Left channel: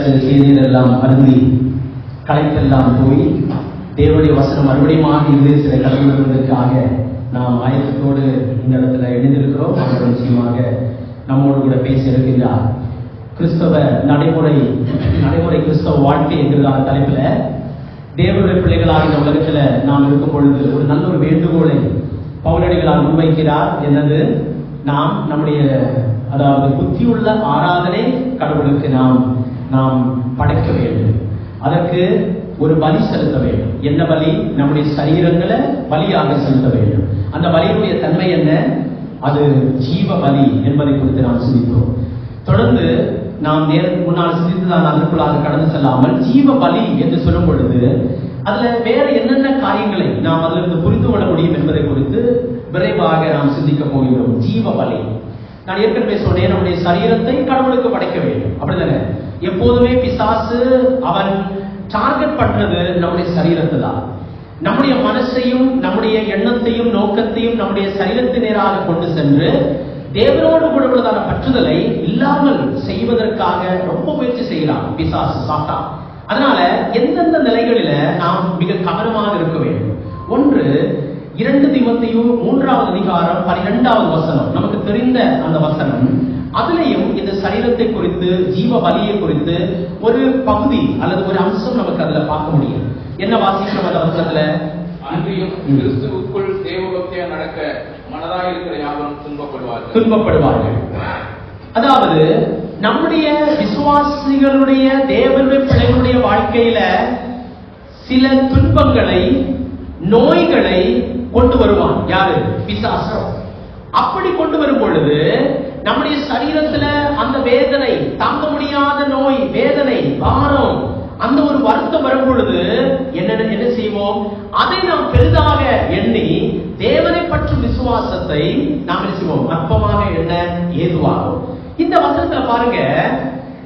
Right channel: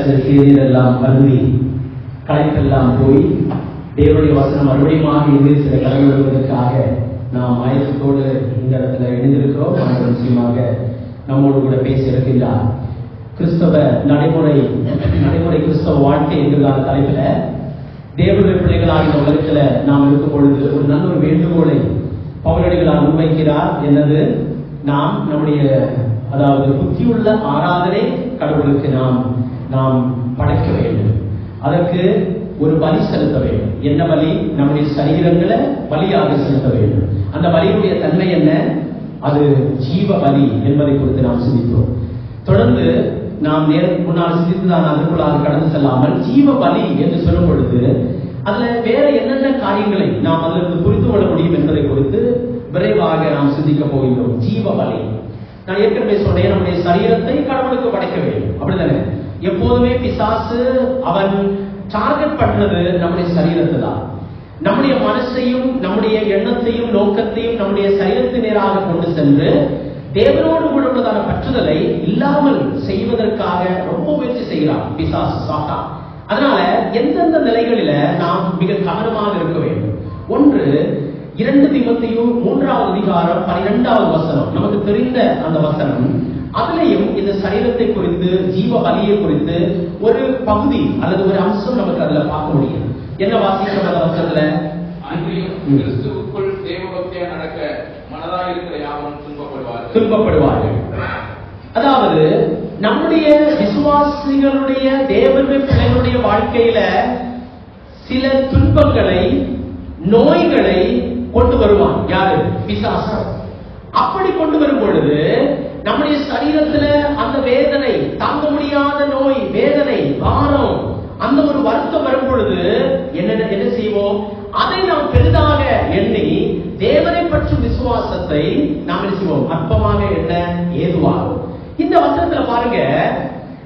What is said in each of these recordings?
சற்று தேநீரெல்லாம் அருந்தி களைப்பெல்லாம் போய் தேவனுடைய வசனம் மறுபடியும் இங்கிலீஷில கடவுளுக்காக நாம் ஆயத்தத்தோடு இந்த இடத்துல எழுந்திருக்கிறோம். அவர் நிச்சயமாக நம்மோடு கூட பேசியிருக்கின்றார். கிறிஸ்தவ நடைமுறை கிறிஸ்தவ வாழ்க்கை என்கிறதான தலைப்புல தேவனுடைய பிள்ளைகளாக இந்த உலகத்துல நாம் இருக்கும் பொழுது ஒரு நல்ல ஒரு வேண்டுகோளை பவுலடிகளால் முன்வைக்கிறார். என்னது? நாம் நம்முடைய அதாவது புத்தியுள்ள ஆராதனை கடவுளுக்கு நாம் படைக்க வேண்டும். அதற்கு ஒரு பலி செலுத்த வேண்டும். என்ன பலி? நம்முடைய சரீரங்களை பலியாக செலுத்த வேண்டும். அந்த பலியுடைய தன்மை என்ன? அது ஜீவ பலி என்பதை குறித்து நாம் சிந்திக்கிறோம். தொடர்ந்து நாம் முன்னால் சிந்தித்து நான் அதற்குள்ளாக கடந்து செல்லாமல் ஜீவ பலி என்று சொல்லும் பொழுது அதுல வேற என்னென்ன காரியங்களை நாம் அதிலிருந்து புரிந்து கொள்ள முடியும் என்பதை குறித்து விரைவாக நாம் சிந்திக்க போகிறோம். ஜீவ பலி, நான் ஏற்கனவே சொன்னேன், நம்முடைய சரீரத்தை கடவுளுக்கு படைக்க வேண்டும். அப்படிதானே? எப்போதுமே பிசாசு அவன் டார்கெட் பண்றது நம்முடைய சரீரத்தை தான். நம்முடைய மனசையும் நம்முடைய எண்ணத்தையும் நோக்கத்தையும் நம்முடைய சரீரத்தின் நேராக கொண்டு சென்று தேவனோடு கூட உள்ளதான பற்றுதலை இல்லாமல் செய்வதற்காக ரொம்ப முயற்சி செய்கிறான் பிசாசு, சாத்தான். அதனால எந்தெந்த நிலைகளில நாம் மிக கவனமாக இருக்க வேண்டும். ஒன்று, 2 தீமோத்தேயு 3வது அதிகாரம் 12வது வசனம், நமக்கு தெரிந்த அந்த வசனம். அதிலையும் இந்த சரீரத்தை குறித்து, ஜீவ பலியை குறித்து ஒரு பகுதி அல்லது ஒரு அம்சம் நமக்கு அதுல பார்க்க முடியும். என்ன வாசிக்கிறோம் அந்த வசனத்துல? அன்றியும் கிறிஸ்துவுக்குள் தேவபக்தியா நடக்க மனதாயிருக்கிற யாவரும் துன்பப்படுவார்கள். அதாவது நம்முடைய விசுவாசிகளுடைய தேவனுடைய பிள்ளைகளுடைய வாழ்க்கையில சில துன்பங்களை, நோய்களை கொண்டு வருவான். யாரு? பிசாசு. அப்படி கொண்டு வரும் பொழுது நம்முடைய சரீரத்துல அந்த வேதனை, தாங்க முடியாத நோய், வேதனை, பாரம், அந்த ஒரு வருத்தம் வரும் பொழுது என்ன செய்வோம்? அதை நாம் பெரிதாக எண்ணி தேவனை பற்றும் விசுவாசத்தை நாம் என்ன செய்வோம்? அற்பமாக எண்ண ஏதுவாகும். இந்த வசனத்துல பாருங்க,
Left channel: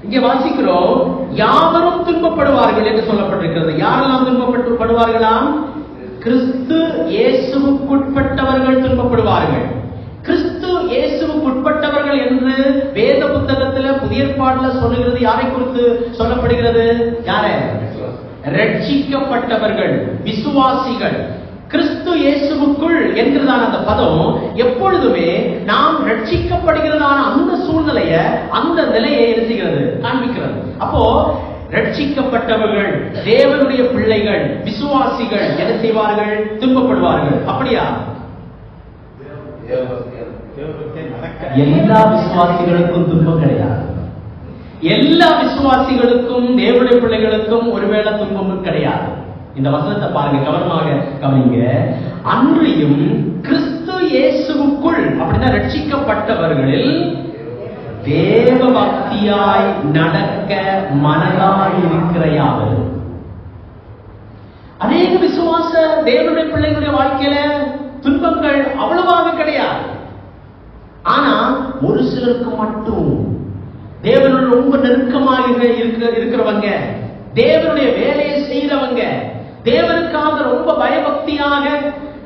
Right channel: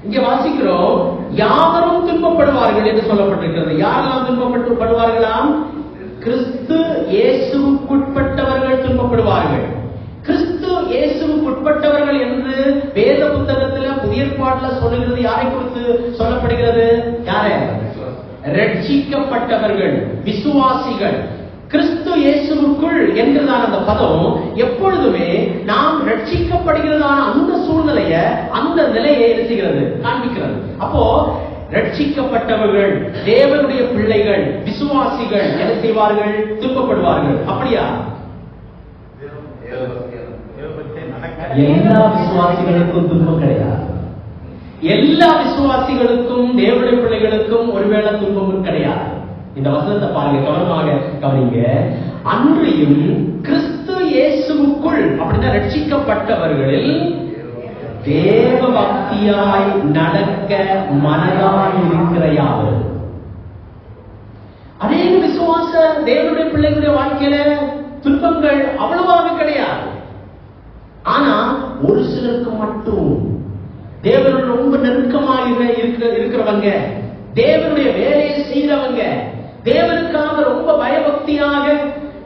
இங்க வாசிக்கிறோம், யாவரும் துன்பப்படுவார்கள் என்று சொல்லப்பட்டிருக்கிறது. யாரெல்லாம் துன்பப்படுவார்களாம்? கிறிஸ்து இயேசுவுக்குட்பட்டவர்கள் துன்பப்படுவார்கள். கிறிஸ்து இயேசுவுக்குட்பட்டவர்கள் என்று வேத புத்தகத்துல புதிய ஏற்பாடுல சொல்லுகிறது. யாரை குறித்து சொல்லப்படுகிறது? யாரை? ரட்சிக்கப்பட்டவர்கள், விசுவாசிகள். கிறிஸ்து இயேசுவுக்குள் என்கிறதான அந்த பதம் எப்பொழுதுமே நாம் ரட்சிக்கப்படுகிறதான அந்த சூழ்நிலைய, அந்த நிலையை எழுதுகிறது, காண்பிக்கிறது. அப்போ ரட்சிக்கப்பட்டவர்கள், தேவனுடைய பிள்ளைகள், விசுவாசிகள் என்ன செய்வார்கள்? துன்பப்படுவார்கள். அப்படியா? எல்லா விசுவாசிகளுக்கும் துன்பம் கிடையாது. எல்லா விசுவாசிகளுக்கும், தேவனுடைய பிள்ளைகளுக்கும் ஒருவேளை துன்பமும் கிடையாது. இந்த வசனத்தை பாருங்க, கவனமாக கவனிங்க. அன்றியும் கிறிஸ்து இயேசுவுக்குள், அப்படின்னா ரட்சிக்கப்பட்டவர்களில் தேவ பக்தியாய் நடக்க மனதாய் இருக்கிற யாவர். அநேக விசுவாச தேவனுடைய பிள்ளைகளுடைய வாழ்க்கையில துன்பங்கள் அவ்வளவாக கிடையாது. ஆனா ஒரு சிலருக்கு மட்டும் தேவனுடைய ரொம்ப நெருக்கமாக இருக்கிறவங்க, தேவனுடைய வேலையை செய்யறவங்க, தேவனுக்காக ரொம்ப பயபக்தியாக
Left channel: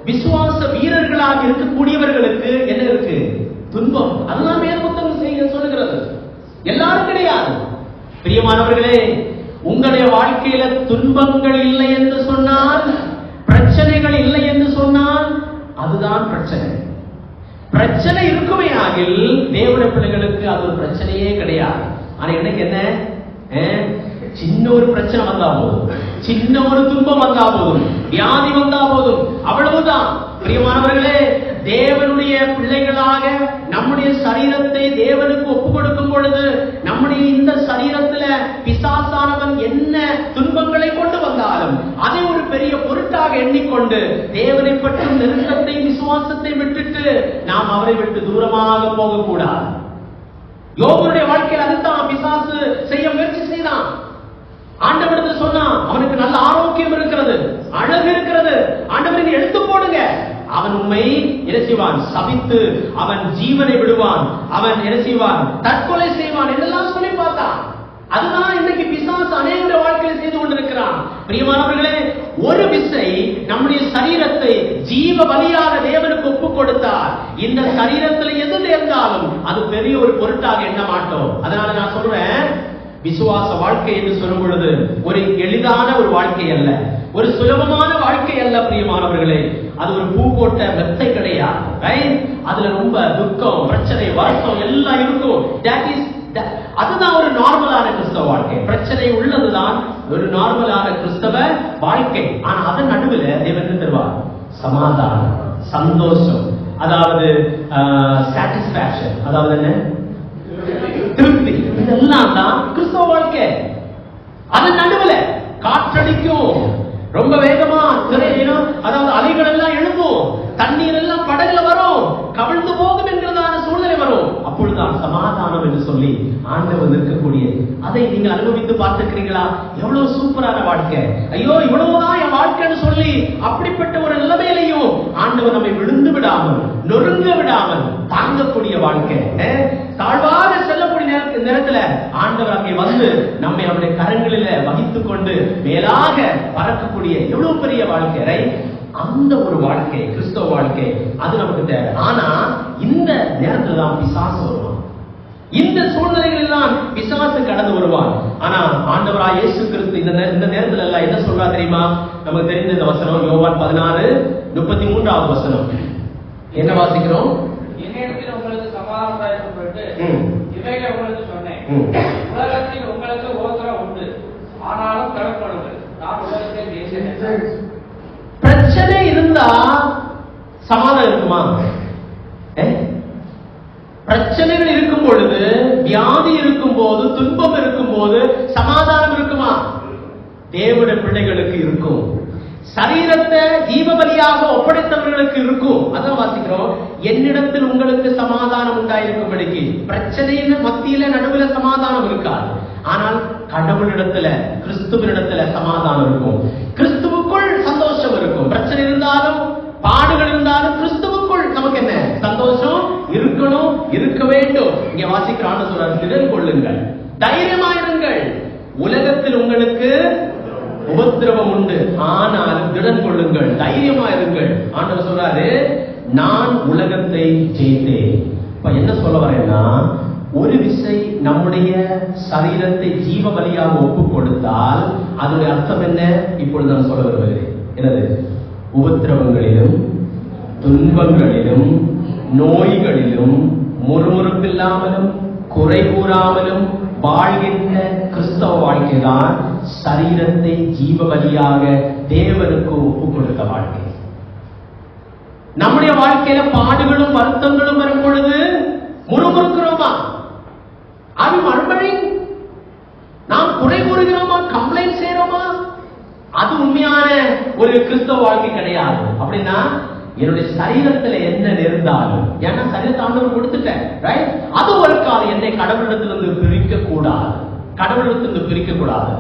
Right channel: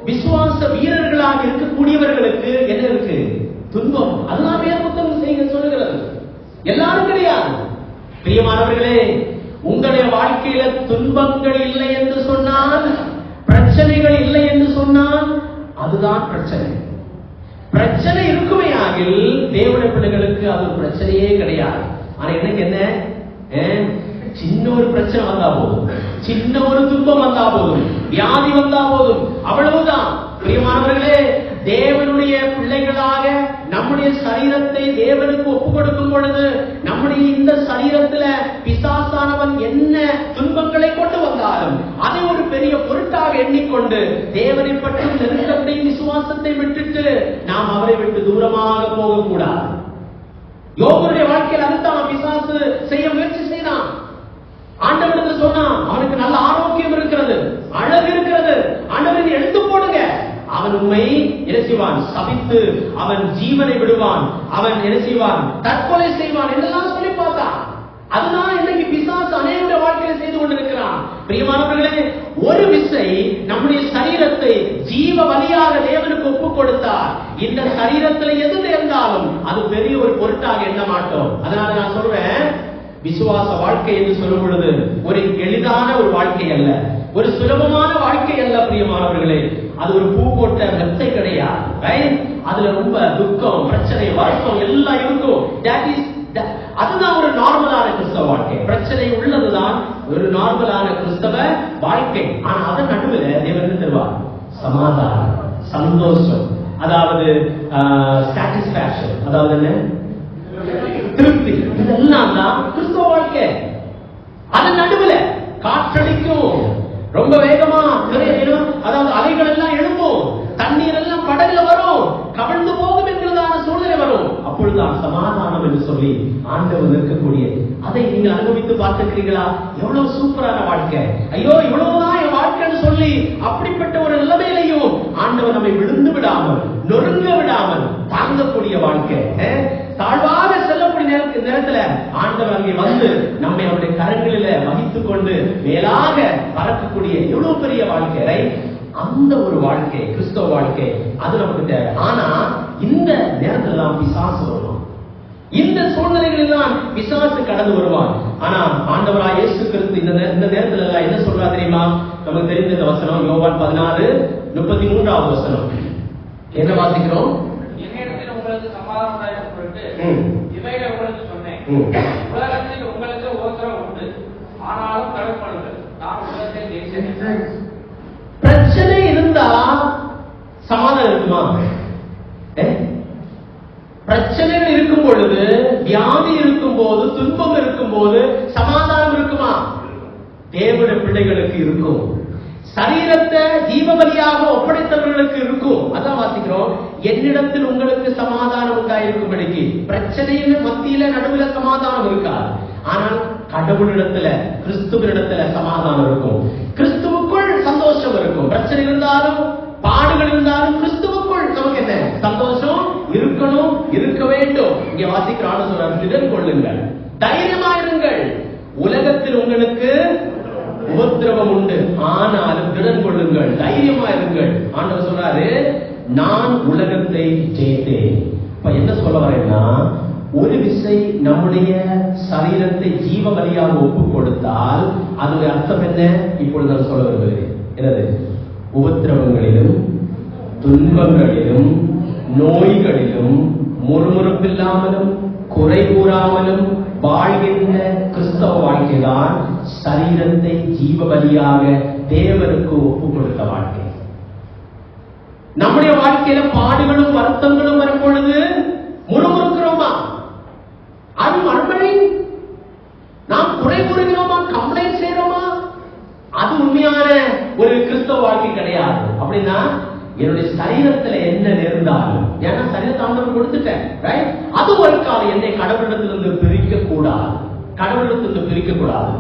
விசுவாச வீரர்களாக இருக்கக்கூடியவர்களுக்கு என்ன இருக்கு? துன்பம். அதெல்லாம் வேத புத்தகம் செய்ய சொல்லுகிறது. எல்லாரும் கிடையாது. பிரியமானவர்களே, உங்களுடைய வாழ்க்கையில துன்பங்கள் இல்லை என்று சொன்னால், பிரச்சனைகள் இல்லை என்று சொன்னால், அதுதான் பிரச்சனை. பிரச்சனை இருக்குமே ஆகில் தேவனுடைய பிள்ளைகளுக்கு அது பிரச்சனையே கிடையாது. ஆனா எனக்கு என்ன? சின்ன ஒரு பிரச்சனை வந்தா போதும், சின்ன ஒரு துன்பம் வந்தா போதும், வியாதி வந்தா போதும், அவ்வளவுதான். பிரியமானவர்களே, தேவனுடைய பிள்ளைகளாக நம்முடைய சரீரத்தை தேவனுக்கு ஒப்பு கொடுக்கும் பொழுது, நம்முடைய இந்த சரீரத்துல பிசாசானவன் என்ன துன்பங்களை கொண்டு வந்தாலும் அதை ஒரு பெரிய பொருட்டாக எண்ணிக்கொண்டு தேவனை பற்றும் நெருக்கத்தையும் விசுவாசத்தை விட்டுட்டு நாம் அவரை விட்டு தூரமாக போகக்கூடாது. யோபுடைய வாழ்க்கையில் அதுதான் பிசாசு செய்ய முயற்சி செய்தான். ஆண்டவரிடத்தில் சொன்னான், அவனுக்கு நல்ல ஆரோக்கியம் இருக்கிறது, அழகு இருக்கிறது, ஆண்டவருக்கு எடுத்து போடுங்க. அவன் உண்மை என்ன செய்வான்? சபித்து அவன் ஜீவனை விடுவான், அவன் என்ன செய்வான்? தற்கொலை செய்வான் என்றெல்லாம் சொல்லி பார்த்தான். அதுதான் இன்னைக்கு பிசாசு அநேக வாழ்க்கையில் செய்து கொண்டிருக்கிறான். பிரியமானவர்களே, ஒரு விசை நம்முடைய சரீரத்தை ஜீவ பலியாக தேவனுக்கு ஒப்பு கொடுத்தால், இந்த சரீரத்தில் எது நேர்ந்தாலும் அது பெரிய ஒரு பொருட்டாக எண்ண மாட்டோம். அதனால நான் சொல்றேன், விசுவாச வாழ்க்கை என்று சொல்லும் பொழுது ஒரு எளிதான ஒரு வாழ்க்கை அல்ல, ஒரு சுலபமான வாழ்க்கை அல்ல பிரியமானவர்களே. அது ஒரு பூ போட்ட மெத்தை கிடையாது. அதுல ரொம்ப துக்கம், பிரச்சனை, வருத்தம் எல்லாம் இருக்கும். அதுதான் ஒரு நார்மலான கிறிஸ்தவ வாழ்க்கை. பிரச்சனை உள்ளதுதான் ஒரு நார்மலான கிறிஸ்தவ வாழ்க்கை. ஆனா அதன் நடுவில் தேவன் தருவார் சமாதானம், சந்தோஷம், அதாவது சாட்டிஸ்பாக்சன், அதாவது என்ன, திருப்தி. இதெல்லாம் தான் கிறிஸ்தவ வாழ்க்கை. அதன் நடுவில் காற்றடிக்கும், ரொம்ப வேகமா அதாவது அலைகள் எல்லாம் எழும்பும், தண்ணீர் எல்லாம் படகுல வரும், கவிழ்ந்து போகும் என்கிறதான சூழ்நிலை வரும். அப்பொழுதுதான் சமாதானம் என்று சொல்லி ஆண்டவர் இருக்கக்கூடிய அதை நீங்கள் அனுபவித்து பார்த்திருக்கிறீங்களா? எவ்வளவு சூப்பரான வாழ்க்கை! ஐயோ இவ்வளவுதான் என் வாழ்க்கைன்னு சொல்லி அப்படிப்பட்ட ஒரு நிலைமையிலையும் ஆண்டவர் நம்மை விழுந்து விடாமல், நொறுங்க விடாமல் தாங்கக்கூடிய வாழ்க்கை. தாழ்வாக செல்லக்கூடிய நேரத்துல ஆண்டவர் அங்கே வந்து நம்மை அவருடைய கரங்களில வகித்துக் கொண்டு மேலாக பறக்கக்கூடிய எவ்வளவு பெரிய வாழ்க்கை! அந்த ஒரு வாழ்க்கை கிறிஸ்தவ வாழ்க்கை, அது நமக்கு தேவை. ஆனா இந்த நேரத்துல தான் பிசாசு வருவான், இந்த சூழ்நிலைகளில் தான் பிசாசு கடந்து வருவான். ஆனா ஆண்டவராய் இயேசு கிறிஸ்து இந்த நேரத்துல எல்லாம் என்ன சொல்றா தெரியுமா? நமக்கு தெரிந்த இந்த வசனம் யோவான் 16:33 வசனம். என்ன வாசிக்கிறோம்? என்னிடத்தில் உங்களுக்கு சமாதானம் உண்டாயிருக்கும் பொருட்டு இவைகளை உங்களுக்கு சொன்னேன். உலகத்தில் உங்களுக்கு உபத்திரவம் உண்டு, ஆனாலும் கடவுளுங்கள், நான் உலகத்தை ஜெயித்தேன். பிரச்சனை இருந்தா சமாதானம் இருக்குமா? பிரச்சனைகள் இருக்கும் பொழுது, வியாதி இருக்கும் போது, துன்பம் இருக்கும் போது சமாதானம் இருக்குமா? தேவனுடைய பிள்ளைகளுக்கு இருக்கும். சரீரத்தை ஜீவபலியாக ஒப்படைத்தவர்களுக்கு இருக்கும். அதான் வாசிக்கிறோம், என்னிடத்தில் உங்களுக்கு சமாதானம் உண்டாயிருக்கும்படிக்கு. பிரச்சனையின் மத்தியில நடுவுல சமாதானம் இருக்காது, ஆனால் கடவுளிடத்துல, கிறிஸ்துவினிடத்துல சமாதானம் இருக்கும். கிறிஸ்துவுக்குள் சந்தோஷம் இருக்கும். பிரச்சனை இருந்தாலும், பாடுகள் இருந்தாலும், கிறிஸ்துவுக்குள் நமக்கு என்ன சந்தோஷம் இருக்கணும், இருக்க வேண்டும். இங்க வாசிக்கிறான்னு சொல்றாரு, திடன் கொள்ளுங்கள், தைரியமாயிருங்கள், உலகத்தில் உங்களுக்கு உபத்திரவம் உண்டு, ஆனாலும் திடன் கொள்ளுங்கள், தைரியமாயிருங்கள். ஆண்டவர் சொல்றாரு, நான் உலகத்தை ஜெயித்தேன். இப்ப என்ன சொல்ல வரேன்னா, ஒரு விசை நம்முடைய சரீரத்தை ஜீவ பலியாக ஒப்பு கொடுத்தால் அதனுடைய அர்த்தம் என்ன? இப்பொழுது நான் சொல்ல விரும்புகிறேன். என்னது? உபத்திரவங்களிலும், துன்பங்களிலும், நோய்களிலும் முறுமுறுப்பில்லாமலும், குறை கூறாமலும் வாழ்கின்ற கிறிஸ்தவ வாழ்க்கைதான் சரீரத்தை ஜீவ பலியாக தேவனுக்கு ஒப்பு கொடுத்த வாழ்க்கை. நம்முடைய வாழ்க்கையில பாடுகளும் வருத்தங்களும் வரும் பொழுது முறுமுறுக்கிறோமா? அது மறுபடி நாம் குறை கூறுகிறோமா? கம்ப்ளைண்ட் செய்யறோமா? அது உண்மையான ஒரு கிறிஸ்தவ வாழ்க்கை கிடையாது. அப்படின்னா என்னுடைய சரீரத்துல என்ன நேர்ந்தாலும், ஏன்னா சரீரத்தை ஆண்டவர் கொடுத்துட்டேன், ரைட்? அது ஒரு காலம் என்னை கடவுளிடத்திலிருந்து பிரிக்க கூடாது, கடவுளிடத்திலிருந்து பிரிக்க கூடாது.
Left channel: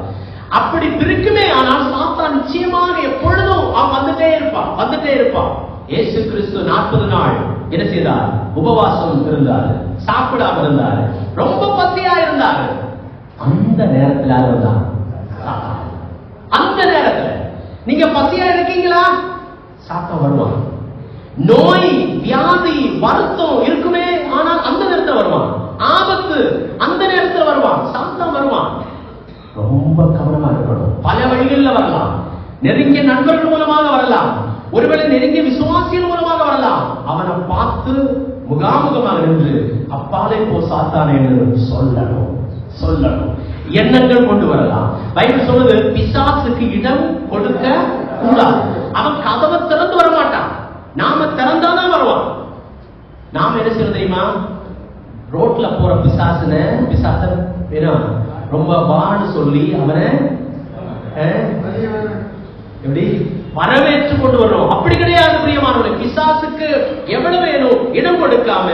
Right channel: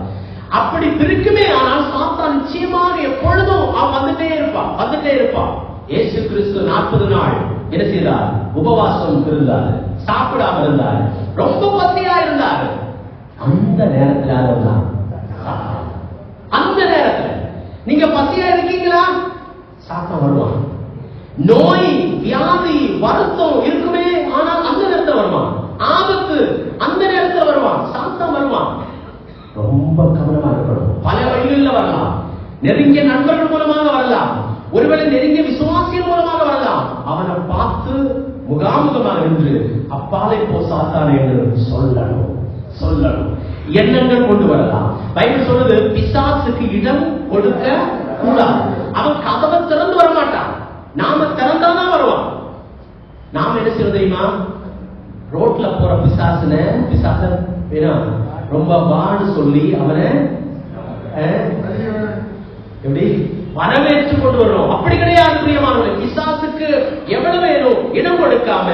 அப்படி பிரிக்குமே ஆனால் சாத்தான் நிச்சயமாக எப்பொழுதும் அவன் வந்துட்டே இருப்பான். இயேசு கிறிஸ்து 40 நாள் என்ன செய்தார்? உபவாசம் இருந்தார், சாப்பிடாம இருந்தார், ரொம்ப பசியா இருந்தார். அந்த நேரத்தில் அந்த நேரத்துல நீங்க பசியா இருக்கீங்களா? சாத்தான் வருவான். நோய், வியாதி, வருத்தம் இருக்குமே, ஆனால் அந்த நேரத்தில் வருவான். ஆபத்து அந்த நேரத்தில் வருவான், சாத்தான் வருவான். ரொம்ப கவனமா இருக்கணும். பல வழிகளில் வரலாம். நெருங்கிய நண்பர்கள் மூலமாக வரலாம், ஒருவேளை நெருங்கிய விசுவாசிகள் மூலமாக வரலாம். அவனை பார்த்து முகாமுகமாக நின்று அப்பாலே போ சாத்தானே என்று சொல்லணும். எண்ணங்கள் கொண்டு வரலாம். பைபிள் சொல்றது, பிசாசுக்கு இடம் கொடுக்க கூடாது. அவன் கதவை திறந்து வரமாட்டான், நாம திறந்தாதான் வருவான். நாம என்ன செய்யறது தெரியுமா? ரோட்ல போற பிசாச ரொம்ப வான்னு சொல்லி அவனை எப்படி வரவேற்று கொண்டு வர்றோம். அப்படி கிடையாது பிரியமானவர்களே. பிசாசுக்கு எவ்வளவு வேணும் இடம் கொடுக்காம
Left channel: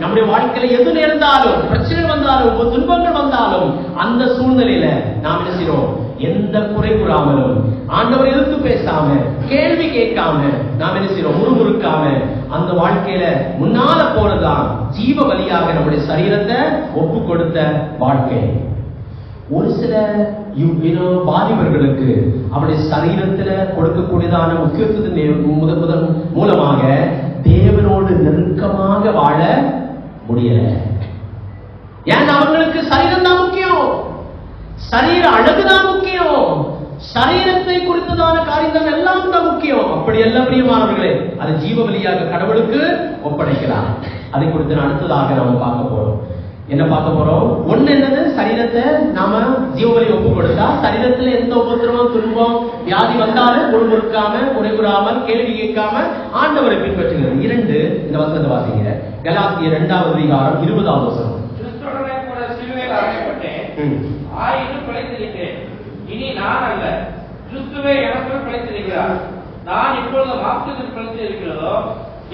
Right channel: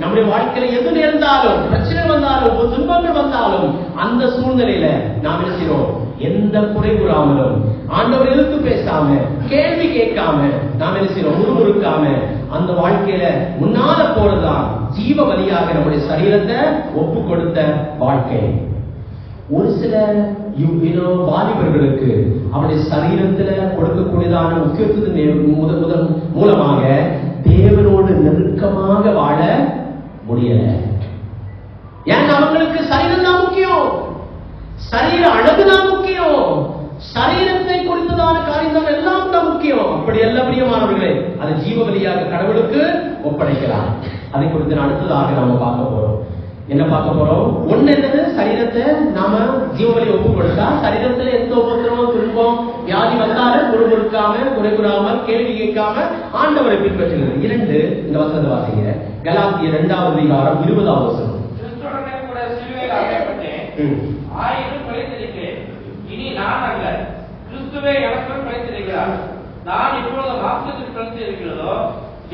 நம்முடைய வாழ்க்கையில எது நேர்ந்தாலும், பிரச்சனை வந்தாலும், துன்பங்கள் வந்தாலும், அந்த சூழ்நிலையில நாம் என்ன செய்யறோம்? எந்த குறை கூறாமலும், ஆண்டவர் எதிர்த்து பேசாம, கேள்வி கேட்காம நாம் என்ன செய்யறோம்? முறுமுறுக்காம அந்த வாழ்க்கையில முன்னால போறதுதான் ஜீவ பலியாக நம்முடைய சரீரத்தை ஒப்பு கொடுத்த வாழ்க்கை. ஒரு சில வாலிபர்களுக்கு அவருடைய சரீரத்துல கொடுக்கக்கூடியதான முக்கியத்துவத்தின் மூலமாக தேவனோடு நெருக்கமாக வாழ முடியல. ஏன்? அவங்களுக்கு சரீரம் தான் முக்கியம். சரீர அழகுதான் முக்கியம், சரீரத்தை குறித்ததான காரியம் தான் எல்லாம் தான் முக்கியம். அப்படி அல்ல பிரியமானவர்களே, அது ஜீவ பலியாக கடவுளுக்கு ஒப்படைக்கிறார். அதை குறித்து அடுத்ததாக நாம பார்க்க போறோம். என்ன பார்க்க போறோம்? ஒண்ணு என்னது? சரீரத்தை நாம ஜீவபலி ஒப்பு கொடுத்தா சரீரத்துல எந்த உபத்திரமும் துன்பம் வியாதி வந்தாலும் குறுகுறுக்காம குறைகுறாமல் கேள்வி கேட்காம ஆண்டவரை பின்பற்றுகிறது. 2 இந்த வசனத்தை வாசிங்க. கலாத்தியர் 2வது அதிகாரம் 20வது வசனம். கிறிஸ்துவுடனே கூட சிலுவையில் அறையப்பட்டேன், ஆயினும் பிழைத்திருக்கிறேன். இனி நான் அல்ல, கிறிஸ்துவே எனக்குள் பிழைத்திருக்கிறார். நான் இப்பொழுது மாம்சத்தில் பிழைத்திருக்கிறதோ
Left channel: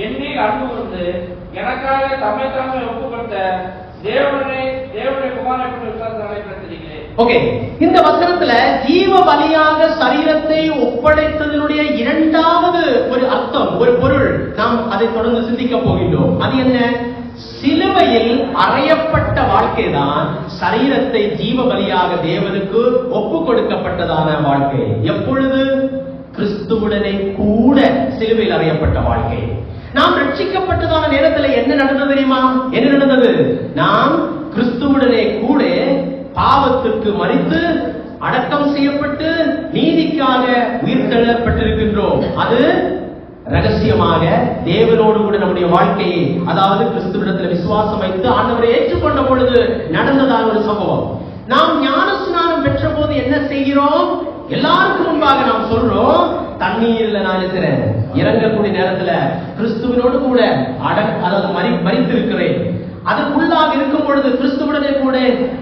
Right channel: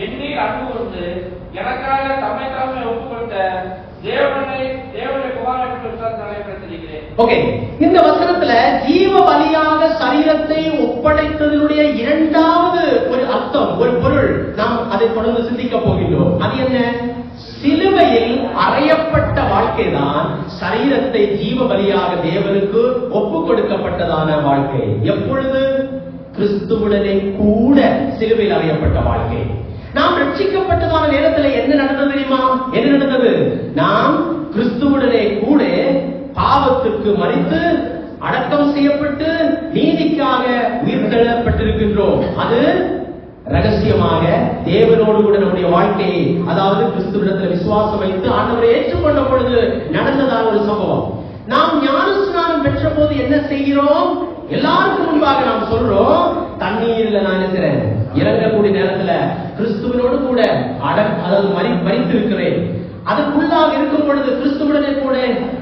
என்னில் அன்பு கொண்டு எனக்காக தம்மை தாமே ஒப்பு கொடுத்த தேவனுடைய குமாரனை கொண்டு விசுவாசத்தாலே பிழைத்திருக்கிறேன். ஓகே, இந்த வசனத்துல ஜீவ பலியாக சரீரத்தை ஒப்படைத்ததனுடைய 2வது ஒரு அர்த்தம், ஒரு பொருள் நாம் அதை தொடர்ந்து சிந்திக்க போகின்றோம். அது என்ன? சிலுவையில் அறையப்பட்ட வாழ்க்கைதான் சரீரத்தை ஜீவ பலியாக தேவனுக்கு ஒப்பு கொடுக்கப்பட்டதான வாழ்க்கை. எப்பொழுது? கிறிஸ்துவுடனே கூட சிலுவையில் அறையப்பட்ட வாழ்க்கை. நாம் ரட்சிக்கப்பட்டதான நேரத்தில் என்ன நடந்தது தெரியுமா? என்ன நடந்தது? நாம் கிறிஸ்துவுடனே கூட பாவத்திற்கு மரித்து அடக்கம் செய்யப்பட்டு நீதிக்காக உயிர்த்தெழப்பட்டிருக்கின்றோம். அது ரகசியமாக தேவனோடு கூட நம்முடைய வாழ்க்கையை, அதாவது கிறிஸ்துவிடத்தில் விசுவாசம் வைத்து ஆண்டவரை ஏற்றுக்கொண்ட பொழுது நடந்ததான ஒரு சம்பவம். நாம் ஞான ஸ்நானம் பெற்ற போது என்ன செய்கிறோம்? எல்லாருக்கும் முன்பாக நாம் சொல்றோம், தண்ணீர்ல நான் இருக்கிறேன், இறங்கக்கூடிய நேரத்துல கிறிஸ்துவனோடு கூட அதாவது மரித்து இருக்கிறேன். அதற்குள்ளாக இருக்கும் பொழுது கிறிஸ்துவுடனே கூட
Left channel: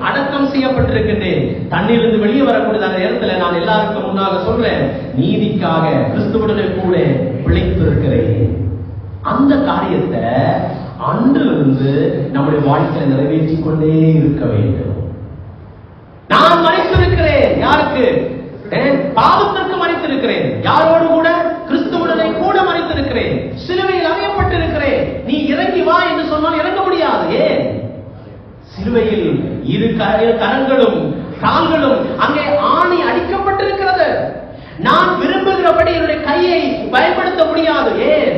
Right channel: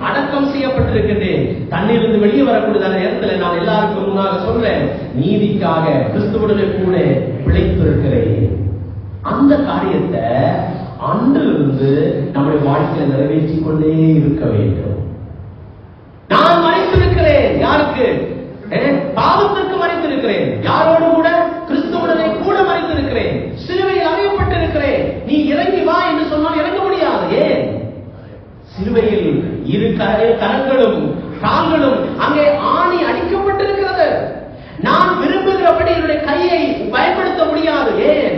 அடக்கம் செய்யப்பட்டிருக்கின்றேன். தண்ணீரிலிருந்து வெளியே வரக்கூடிய நேரத்தில் நான் எல்லாருக்கும் முன்னாக சொல்றேன், நீதிக்காக கிறிஸ்துவுடனே கூட பிழைத்திருக்கிறேன். அந்த காரியத்தை அன்றிலிருந்து நம்முடைய வாழ்க்கையில நிறைவேற்றிக் கொண்டே இருக்க வேண்டும். நான் மரித்திருக்கிறேன். யாருக்கு? பாவத்திற்கு மரித்திருக்கிறேன். யாரோடு கூட? கிறிஸ்துவுடனே கூட மரித்திருக்கிறேன். சிலுவையில் அறையப்பட்டிருக்கிறேன். நீ இறங்கி வா என்று சொன்னால் இறங்க முடியாது. ஏன்? சிலுவையில் இரு கரங்களும் கால்களும் அங்கே ஆணி அடிக்கப்பட்டிருக்கிறது. நான் விரும்புகிறபடி என்னுடைய கையை பயன்படுத்த முடியாது. ஏன்?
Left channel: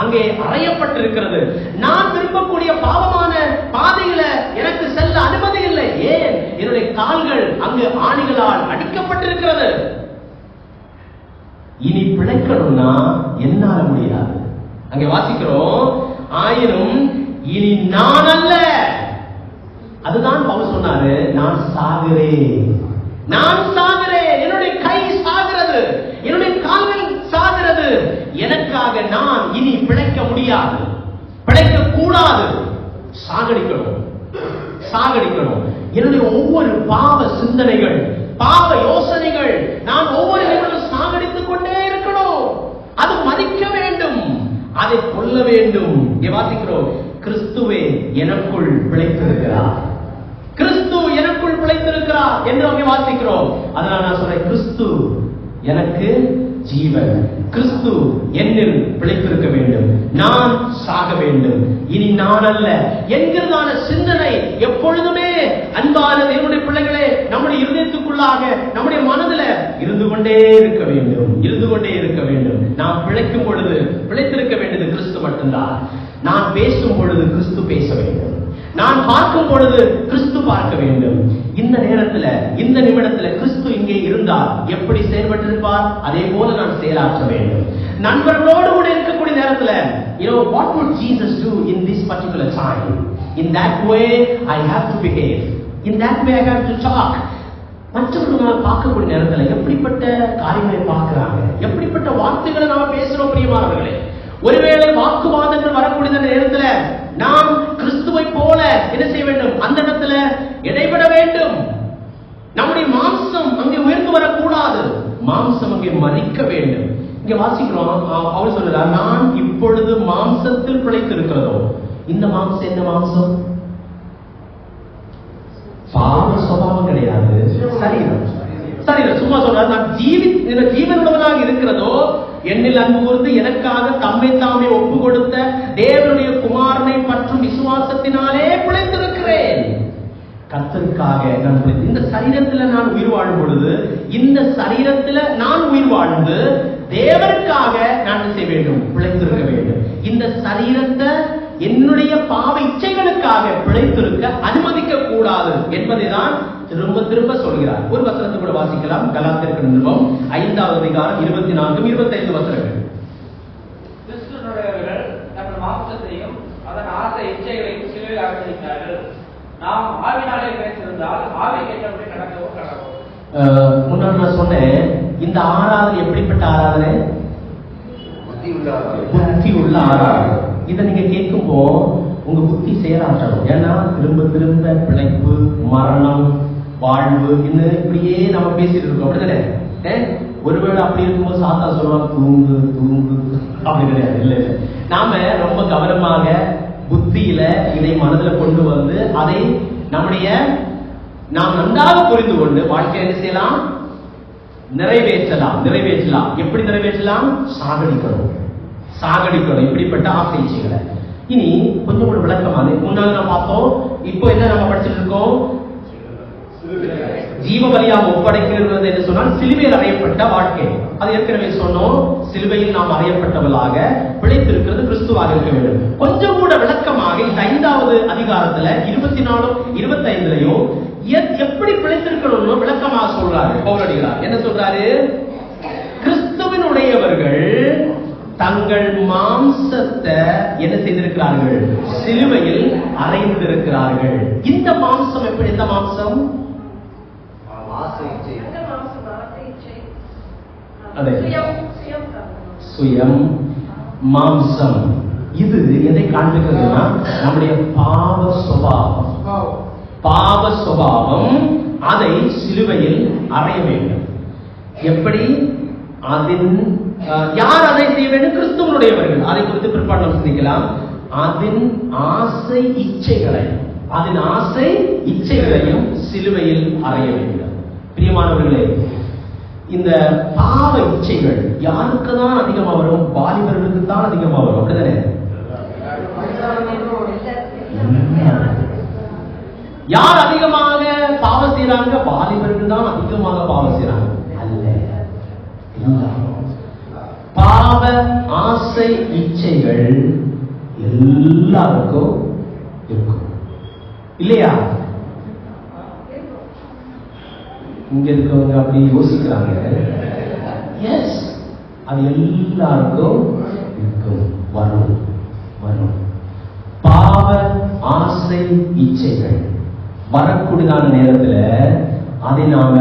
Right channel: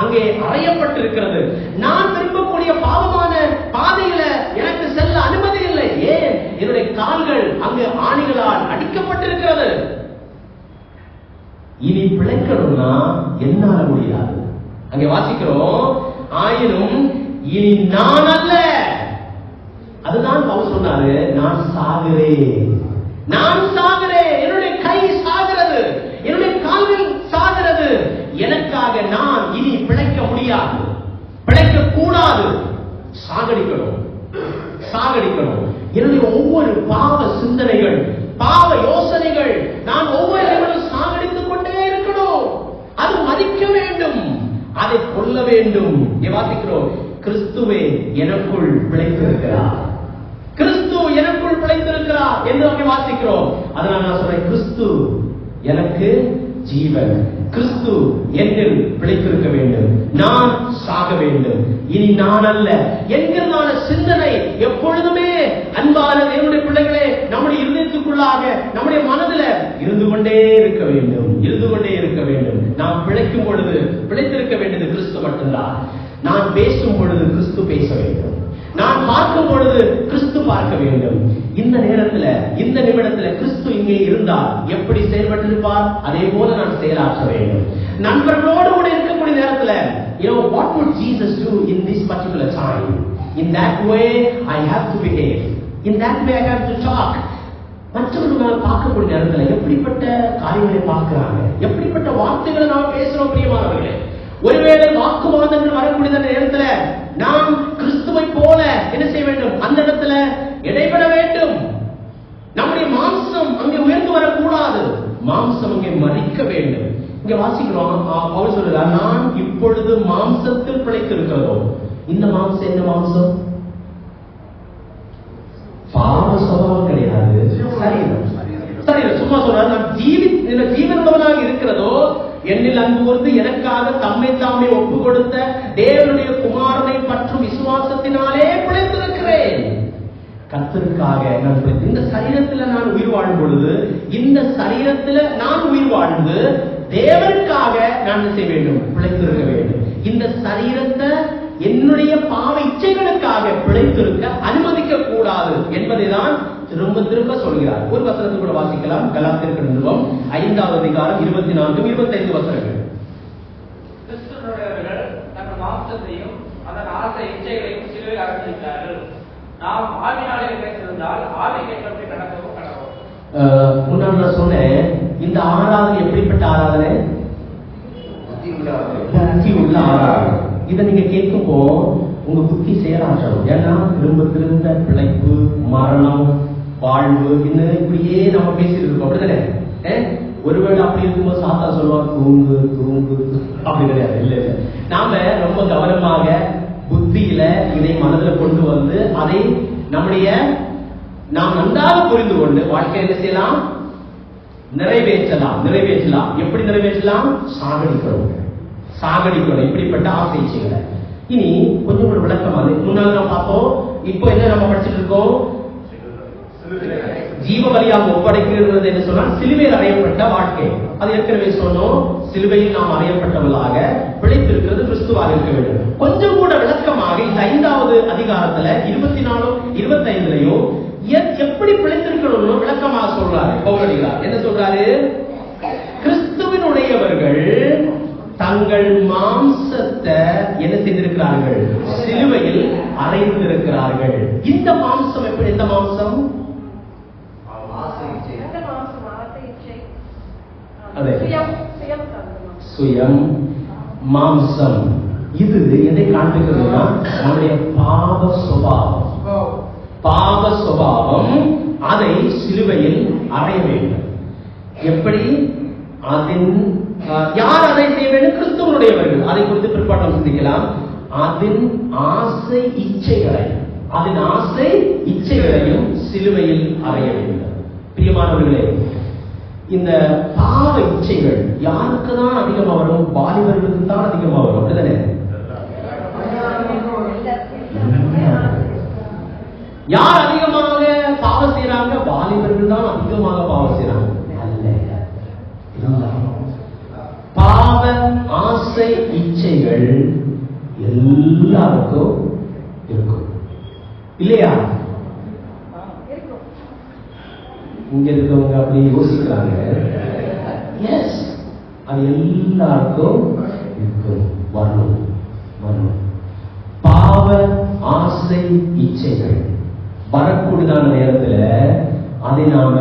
அங்கே அறையப்பட்டிருக்கிறது. நான் விரும்பக்கூடிய பாவமான பாதையில எனக்கு செல்ல அனுமதி இல்லை. ஏன்? என்னுடைய கால்கள் அங்கு ஆணிகளால் அடிக்கப்பட்டிருக்கிறது. இனி பிழைக்கணும்னா என்னால முடியாது. அங்கே வாசிக்கிறோம், ஆயினும் இனி நான் அல்ல. அதுதான் பவுல் சொன்னாரு, நான் சாகிறேன், நான் சாகிறேன், என்னுடைய கை சாகிறது, என்னுடைய கால்கள் சாகிறது. எனக்காக நான் இனி பிழைக்க முடியாது, பிழைக்க கூடாது. சாகடிக்கணும், சாகடிக்கணும். என்னுடைய ஒவ்வொரு பாவ சிந்தனைகள், பாவ யோசனைகள் நான் ஒவ்வொரு நிமிடம் சாகடித்துக் கொண்டே இருக்கணும். அது மதிக்க வேண்டும், அதை கொல்ல வேண்டும். வாசிக்கிறோம், கிறிஸ்துவே எனக்குள் பிழைத்திருக்கிறார், கிறிஸ்து எனக்குள் பிழைத்திருக்கிறார் என்று அங்கே வாசிக்கிறோம். அதனால நான் சொல்றேன், கிறிஸ்து எனக்கு ஜீவன், கிறிஸ்து என்னில் பிழைத்திருக்க வேண்டும், நான் சாக வேண்டும், இனி நான் அல்ல என்கிறதான சிந்தனை எப்பொழுதுமே அன்பான தேவனுடைய பிள்ளைகளே நம்முடைய இருதயத்துக்குள்ளாக நம்முடைய மனதில் இருந்து கொண்டே இருக்க வேண்டும், இருந்து கொண்டே இருக்க வேண்டும். நாம் பிழைக்கும் பொழுது பிழைத்திருக்க வேண்டியது கிறிஸ்து மட்டும்தான். நான் பேசும் பொழுது கிறிஸ்து பேச வேண்டும், நான் பார்க்கும் பொழுது கிறிஸ்து பார்க்க வேண்டும். இந்த நேரத்துல, இந்த நிமிடத்துல கிறிஸ்து இங்கே இருந்தால் எப்படி செயல்பட்டிருப்பார், அதே போல நான் செயலாற்ற வேண்டும். நண்பர்களோடு கூட இருக்கக்கூடிய நேரத்துல, what would Jesus do in this particular time? In that way I have to behave, in that way I have to talk. மற்றவர்கள் பார்க்கக்கூடிய நேரத்துல எப்படிப்பட்ட காரியங்களை பார்க்கிறாங்க, எப்படிப்பட்ட வார்த்தைகளை நாம் பேசுறோம் பிரியமானவர்களே. ஒருவேளை வாக்குவாதங்கள் வரக்கூடிய நேரத்துல நாம் கிறிஸ்துவை போல என்ன செய்ய வேண்டும்? அந்த இடத்துல இடைபட வேண்டும். நம்முடைய மாம்சம் அங்கே உயர்ந்து வரக்கூடாது, மாம்சம் அங்கே மறிக்க வேண்டும். இங்க வாசிக்கிறோம், அவர் சொல்றார், நான் இப்பொழுது மாம்சத்தில் பிழைத்திருக்கிறதோ. இந்த மாம்சம் என்ன மாம்சம்? பாவ சுபாவம் கிடையாது, சரீரம். சரீரம் சும்மா சொல்றார், நான் ஜீவனுள்ளவனாக இருக்கிறதோ என்னில் அன்பு கூர்ந்து எனக்காக தம்மை தாமே ஒப்பு கொடுத்த தேவனுடைய குமாரனை பற்றும் விசுவாசத்தினாலே பிழைத்திருக்கிறேன். கர்த்தருக்காக நான் இந்த சரீரத்துல நான் உயிர் வாழும் பொழுது, இந்த சரீரத்துல நான் உயிர் வாழ்ந்து தேவனுக்காக நான் செய்ய வேண்டும், பிழைத்திருக்க வேண்டும். இந்த சரீரத்தை என்னுடைய பாவ இச்சைகளுக்காக பிழைத்திருக்க அனுமதிக்க கூடாது என்பதைதான் திரும்ப திரும்ப சொல்கிறார். ஒரு வசனத்தை கூட வாசிக்கலாம். கலாத்தியர் நிருபம் 5வது அதிகாரம் 24, 25 வசனங்கள். கிறிஸ்துவுடையவர்கள் தங்கள் மாம்சத்தையும் அதன் ஆசை இச்சைகளையும் சிலுவையில் அனுபவித்தார்கள். நாம் ஆவினாலே நினைத்திருந்தால் ஆவி கேட்டபடி கடக்கவும் கடக்கும். முன்னாடி நான் சொன்னேன், இந்த ஆராதனை எப்படிப்பட்ட ஆராதனை? புத்தி உள்ள ஆராதனை. இதை நீங்க கேட்கும்போ உங்க புத்தி செயலாற்றணும். ஏன்னா திரும்ப திரும்ப பிழைப்பு, மரணம், வாழ்வு இன்னும் இப்படியே நம்ம பேசிட்டு இருக்கோம். அப்படிதானே? ஒருவேளை அப்படி இருக்கும்போது சாத்தா சொல்லுவா தூங்கு தூங்கு, அப்படி கிடையாது. இல்ல, நாம ரொம்ப கவனமாக புத்தியில இதை மனதில் கொண்டு வந்து அதை நாம் நன்றாக புரிந்து கொண்டு வாழ்க்கை என்ன செய்யலாம்? நிறைவேற்றலாம். எப்படி நிறைவேற்றலாம்? சாகடிக்கணும் இப்படிப்பட்ட ஆசைகளை. இனி கொஞ்சம் கூட விளக்கமாக முன்னால நான் பார்த்தோம். இப்போ என்ன நம்ம படிச்சுட்டு இருக்கோம்? ஜீவ பலியாக ஒப்படைக்கிறது என்று சொன்னால் சிலுவையில் அறையப்பட்ட வாழ்க்கை. அது ஏற்கனவே சொன்னோம். சிலுவையில் நாம் அறையப்பட்டவர்களாக பிழைத்திருக்கிறது கிறிஸ்துவாக இருக்க வேண்டும். கொஞ்சம் கூட விளக்கமாக இந்த 5வது அதிகாரத்துல 24, 25லையும் எப்படி பிழைத்திருக்கணும்னு விளக்கமாக சொல்றாரு பவுலடிகளார். என்ன சொல்றாரு? கிறிஸ்துவினுடையவர்கள் தங்கள் மாம்சத்தை என்ன செய்திருக்கிறார்கள்? சிலுவையில் அறைந்திருக்கிறார்கள். இந்த மாம்சம் எப்படி? இந்த மாம்சம் சுயம் மாம்சம். இது எதை காண்பிக்கிறதுனா நம்முடைய பாவ சுபாவம் அதை சிலுவையில் அறைய வேண்டும். எப்படி? யார் அதை செய்ய வேண்டும்? கிறிஸ்துவனுடையவர்கள். அதை குறித்து பிற்பாடு நாம் சிந்திக்கலாம். அதன் ஆசை இச்சைகளையும் சிலுவையில் அறைய வேண்டும். பிரியமானவர்களே, இந்த பாவ இச்சைகள் யாருக்கு தான் அதிகமாக வரும்? வாலிபர்களுக்கு தான் அதிகமாக வரும். அப்படிதானே? யார் அதிகமாக பாவம் செய்யறாங்க? வாலிபர்கள் தான் அதிகமாக பாவம் செய்யறாங்க. பாவ ஆசை இச்சைகள் எல்லாருக்கும் இருக்கும் இல்லையா? இங்க இருக்கவங்க அப்படி யோசிக்கிறாங்க. எஸ், அது எல்லாருக்கும் இருக்கும். வரணும். பாவ ஆசை இச்சைகள் வரக்கூடியதான நேரத்துல அதை நாம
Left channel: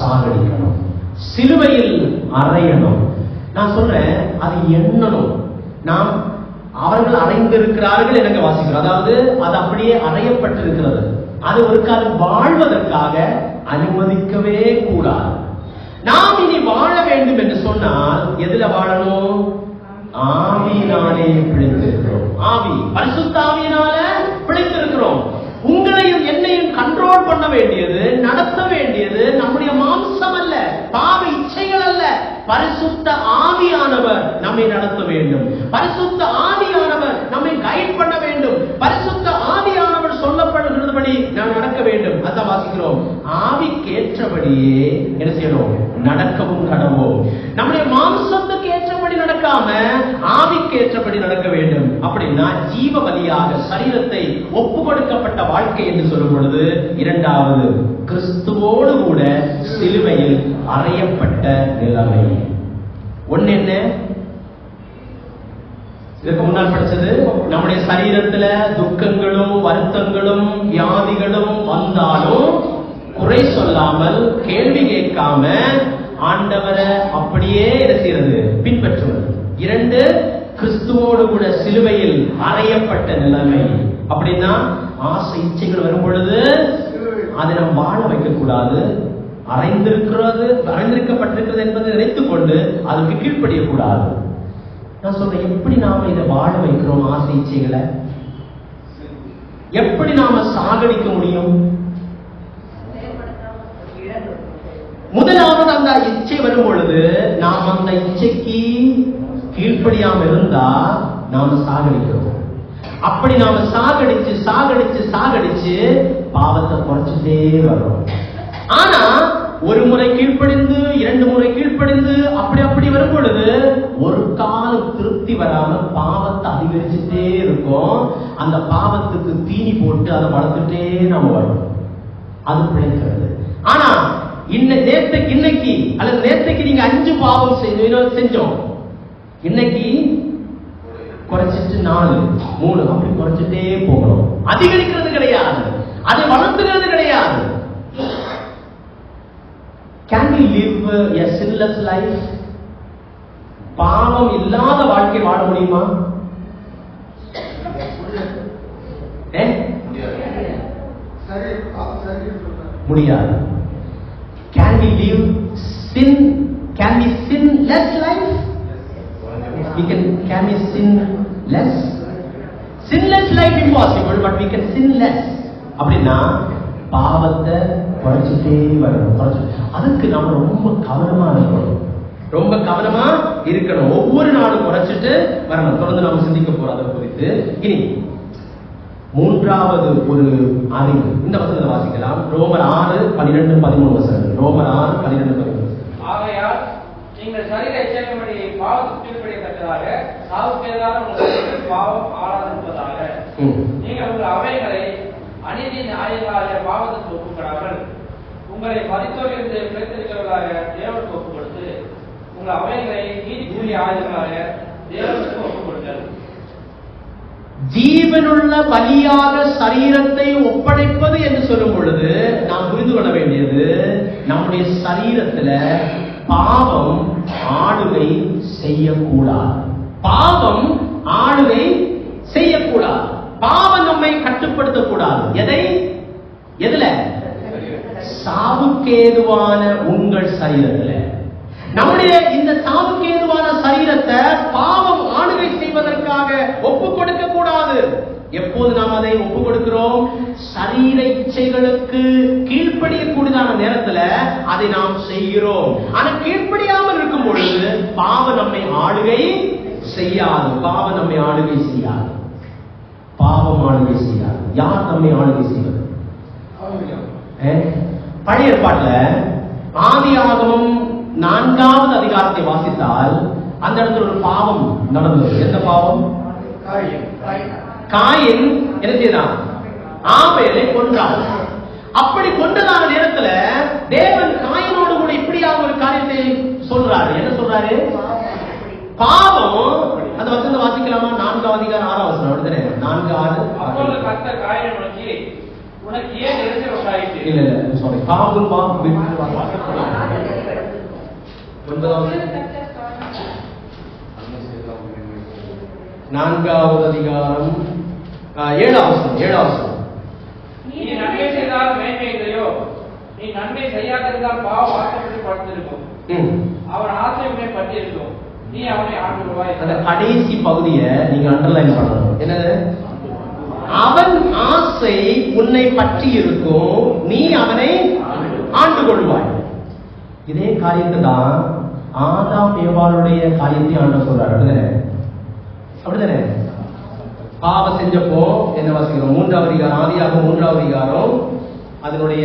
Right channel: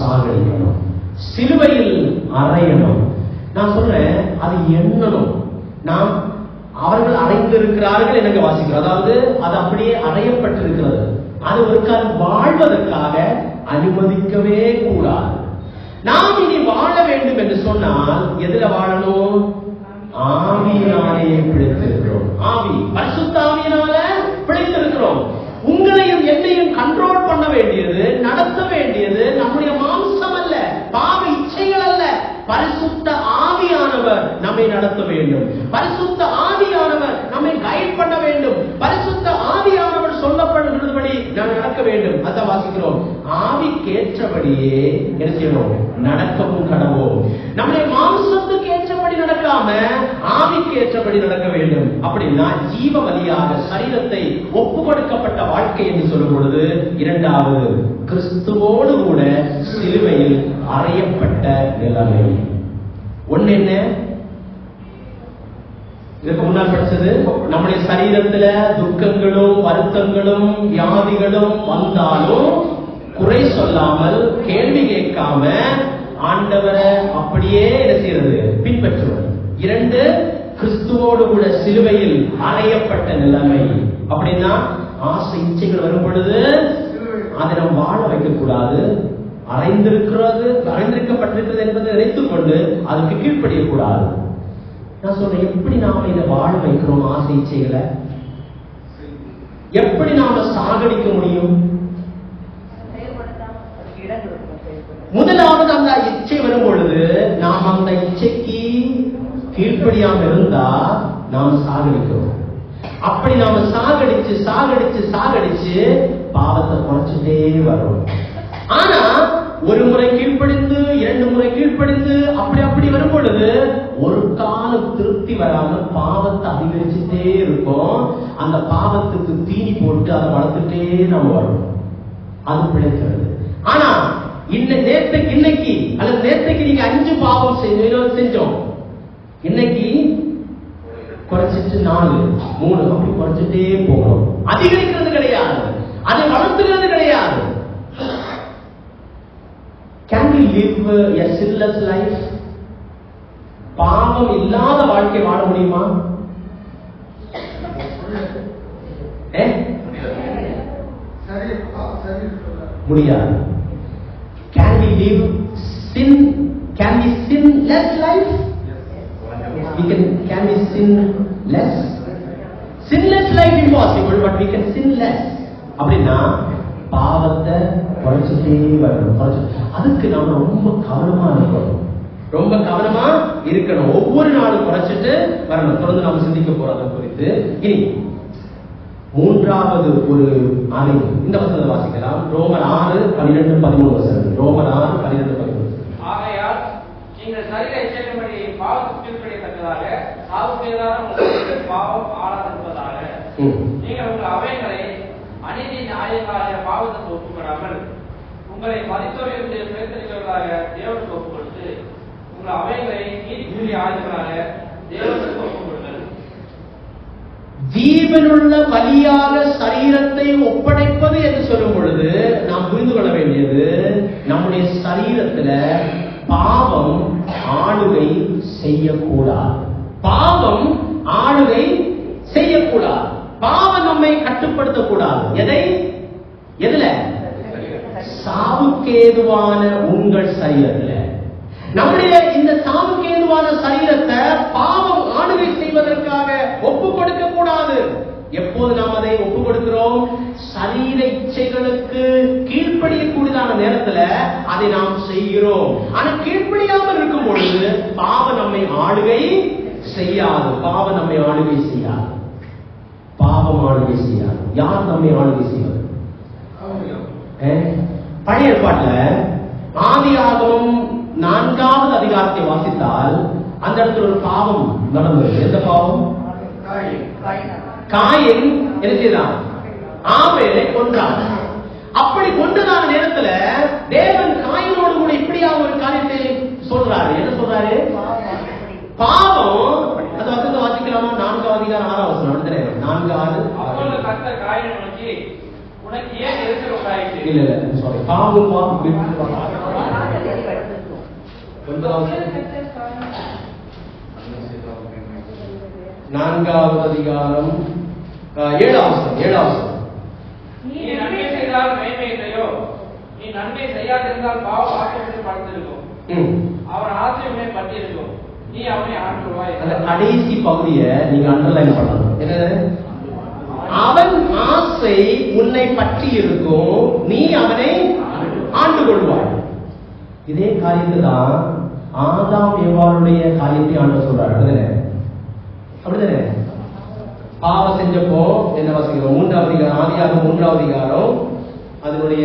சாகடிக்கணும். சிலுவையில் அறையணும். நான் சொல்றேன், அது எண்ணணும். நாம் அவர்கள் அறைந்திருக்கிறார்கள் என்று வாசிக்கிறோம். அதாவது அது அப்படியே அறையப்பட்டிருக்கிறது. அது ஒரு காலம் வாழ்வதற்காக அனுமதிக்கவே கூடாது. நாம் இனி வாழ வேண்டும் என்று சொன்னால் எதுல வாழணும்? ஆவியினாலே பிழைத்திருக்கிறோம். பரிசுத்த ஆவியினால பிழைத்திருக்கிறோம். உங்களையும் என்னையும் கண்ட்ரோல் பண்ண வேண்டியது, நடத்த வேண்டியது நம்முடைய மாம்சம் அல்ல, பாவ இச்சைகள் அல்ல. பரிசுத்த ஆவியானவர் நம்மை நடத்த வேண்டும். பரிசுத்த ஆவியானவர் நம்மை கைட் பண்ண வேண்டும். பரிசுத்த ஆவியானவர் சொல்லப்படுகிறபடி நாம் நடக்க வேண்டும். அதான் வாசிக்கிறோம். ஆவிக்கேற்றபடியே என்ன செய்யணும்? நடக்கவும் கடவோம். நம்முடைய மாம்சத்துக்கு ஏற்றபடி நடக்காம ஆவிக்கேற்றபடி நடக்க வேண்டும். அப்படின்னா ஜீவ பலியாக சரீரத்தை ஒப்பு கொடுக்கப்பட்ட வாழ்க்கை என்று சொல்லும் பொழுது, இரண்டாவது கிறிஸ்துவோடு கூட சிலுவையில் அறையப்பட்ட நிலைமை. ஒன்னு என்ன? இதற்கு முன்னால் படிச்சது, நம்முடைய சரீரத்துல துக்கங்களும் வருத்தங்களும் வியாதிகளும் வந்தாலும் குறை சொல்லாமல், கேள்வி கேட்காம ஆண்டவரை அப்படியே என்ன செய்யறது? பின்பற்றுவது. 2, கிறிஸ்துவோடு கூட சிலுவையில் அறையப்பட்ட நிலைமை. அப்படின்னா ஆசை இச்சைகள் வரும் பொழுது அதை நாம் வாழ வைக்க கூடாது. அறைந்திருக்கப்பட்டிருக்கிறது என்பதை நினைத்துக் கொண்டு அதற்கு கீழ்ப்படியக்கூடாது. நான் சொல்றேன், எப்படி நாம இதை வாழ வைக்கிறோம்? ஆசை இச்சைகளை எப்படி நாம சாகடிக்க முடியும்? முதலாவது அந்த இச்சை வரும் பொழுது நாம் அந்த இச்சைக்கு கீழ்ப்படியாம இருந்தா நாம் சாகடிக்கிறோம். அப்படி நாம சாகடிச்சு பாவத்தை குறைச்சுட்டே வரும். ஆனா ஒரு முறை கீழ்ப்படிந்து, 2 முறை கீழ்ப்படிந்து அப்படி வரும் பொழுது ஒரு காலம் திருப்தி வராமல் பாவத்தை அதிகரிச்சுட்டே இருக்கும். அந்த பாவத்துக்கு தீனி போட்டு அதை வளர்த்துட்டே நாம வரணும். அது பிழைக்கிறது. ஆனா இன்னைக்கு அல்லது நேற்றைக்கு நீங்க 5 பாவம் செஞ்சோம், இன்னைக்கு குறைச்சிட்டு 4, 3 அப்படி குறைச்சிட்டே போகணும். அதிகரிக்கிறது கிடையாது, அதை வளர்த்துகிறது கிடையாது. Can we live a sinless life? பாவம் இல்லாத வாழ்க்கை வாழ முடியுமா? முடியாது. Can we live can we sin less life? Can we sin less? Sinless life impossible, but we can sin less. அப்படின்னா பாவத்தை குறைச்சிட்டே வரணும். அதுக்கு நாம ரொம்ப கவனமா இருக்கணும். ஒவ்வொரு நாளும் குறைச்சிட்டு வரணும். தொடர்ந்து நாம சிந்திக்க போறோம் அதை குறித்து. இனி 3வது ஒரு அறிவு, இந்த வசனத்தை வாசிக்கலாம். ரோமர் 6:12-13 வசனம். ரோமர் 6:12-13. ஆகையால் நீங்கள் சரீர இச்சையின்படி பாவத்துக்கு கீழ்ப்படியத்தக்கதாக சாவுக்கு எதிரான உங்கள் பாவம் ஆளாதிருப்பதாக நீங்கள் உங்கள் அவைகளை அநீதி நியாயங்களாக பாவத்துக்கு ஒப்புக்கொடாமல் உங்களை மதித்தோர் என்று பிழைத்திருக்கிறவர்களாக தேவனுக்கு ஒப்புக் கொடுத்து உங்கள் அவைகளை நீதிக்குரிய ஆயுதங்களாக தேவனுக்கு ஒப்புக் கொடுங்கள். ஜீவனுள்ள பலியாக சரீரத்தை ஒப்படைப்பது என்று சொல்லும் பொழுது நாம் புரிந்து கொள்ள வேண்டியது, நம்முடைய சரீரத்துல பாவம் ஆளுகை செய்யக்கூடாது. பாவம் ஆளுகை செய்யக்கூடாது. பாவம் நம்மை கட்டுப்படுத்தக்கூடாது. எதுல? சாவுக்கேதுவான உங்கள் சரீரத்தில். நம்முடைய இந்த சாவுக்கேதுவான சரீரத்தை பாவம் ஆளுகை செய்வதற்காக ஒப்புக் கொடுக்க கூடாது. எப்போது நாம் அதை ஒப்புக் கொடுக்கிறோம்? சரீர இச்சைகளுக்கு கீழ்ப்படியக்கூடியதான நேரத்தில் அதை நாம் செய்கிறோம். ஆனா கீழ்ப்படியாமல் இருக்கும் பொழுது பாவம் நம்மை ஆளுகை செய்யாது. பாவம் நம்மை ஆளுகை செய்யாது. பாவம் ஆளுகை செய்யாது. யார் நம்மை ஆளுகை செய்வது? பழைய ஏற்பாட்டில் ஆதியாகமம் 4வது அதிகாரத்தை வாசித்தால் அந்த இடத்துல ஒரு பாவம் நடந்தது. எந்த பாவம்? காயின் என்ன செய்தான்? ஆபேலை கொன்றான். அப்படி கொன்றதான நேரத்துல தேவன் காயினோடு கூட இப்படியாக ஒரு காரியத்தை சொல்றாரு. என்ன சொல்றாரு? பாவம். அந்த வசனத்தை வாசிக்கலாமா? 4வது அதிகாரம் 6வது வசனம். அப்படிதானே? 4:6. அப்பொழுது கர்த்தர் காயினை நோக்கி, உனக்கு ஏன் எரிச்சல் உண்டாயிற்று? இல்ல சாரி, பாவம் 9வது 4வது அதிகாரம் 7வது வசனம். நீ நன்மை செய்தால் மேன்மை இல்லையோ? நீ நன்மை செய்யாதிருந்தால் பாவம் ஆக்கிரமித்து படுத்திருக்கும். அவன் ஆசை உன்னை பற்றியிருக்கும். நீ அவனை ஆண்டு கொள்வாய். அந்த கடைசி பகுதியை நீங்க அண்டர்லைன் பண்ணணும். என்னது? அவன் ஆசை உன்னை பற்றி இருக்கும், நீ அவனை ஆண்டு கொள்வாய். இதே காரியத்தை தான் ஆதாம் ஏவாளுடைய காரியத்தை ஆண்டு சொல்றாரு. அப்படிதானே? பாவம் செஞ்சப்போ என்ன வாசிக்கிறோம்? 3வது அதிகாரம், ஆதியாகமம் 3வது அதிகாரம், அதனுடைய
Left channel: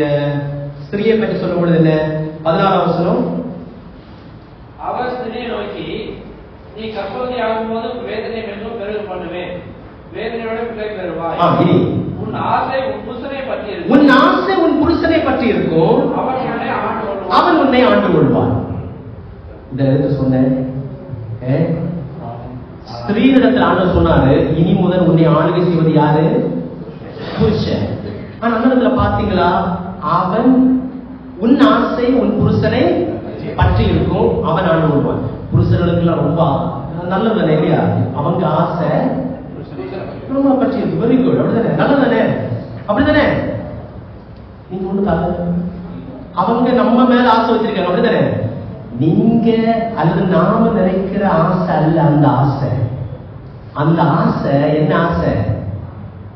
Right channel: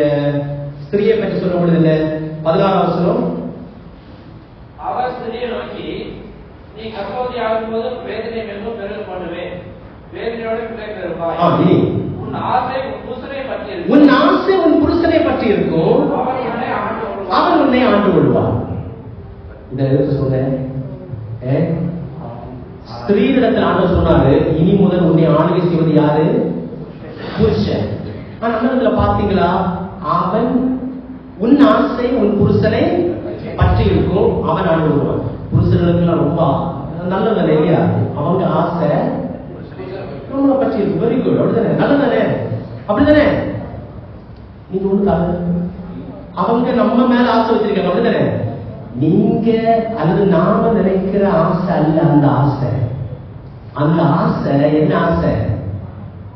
ஸ்திரியை பற்றி சொல்லும் பொழுது என்ன? 16வது வசனம். அவர் ஸ்திரியை நோக்கி, நீ கர்ப்பவதி ஆகும்போது வேதனை மிகவும் பெருக பண்ணுவேன், வேதனையோட பிள்ளை பெறுவாய். உன் ஆசை உன் புருஷனை பற்றி இருக்கும். உன் ஆசை உன் புருஷனை பற்றி இருக்கும். அவன் உன்னை ஆண்டு கொள்வான். இந்த எழுத்து சொன்னேன். ஸ்திரீனிடத்தில் ஆண்டவர் சொன்னாரு, இனி முதல் உன்னை ஆளுகை செய்வது யாரு? புருஷன். ஆனா அந்த இடத்துல பாத்தீங்களா? அவன் உன் ஆசை உன் புருஷனை பற்றி இருக்கும், அவன் ஆண்டு கொள்வான். புருஷர்களுக்கு எல்லாம் ரொம்ப நல்லது இல்லையா? அவங்க ஆசை ரொம்ப பற்றி இருக்கு. Very good. அப்படிதானே? நல்லதானே? அப்படிதானே? நீங்க ஒண்ணு அவங்க நம்ம மேல ஆசை வச்சிருக்காங்க. அப்படிதானே? நீங்க அல்லது நாம நினைக்கிற ஆசை அல்ல அந்த ஆசை. அந்த ஆசை என்ன ஆசை?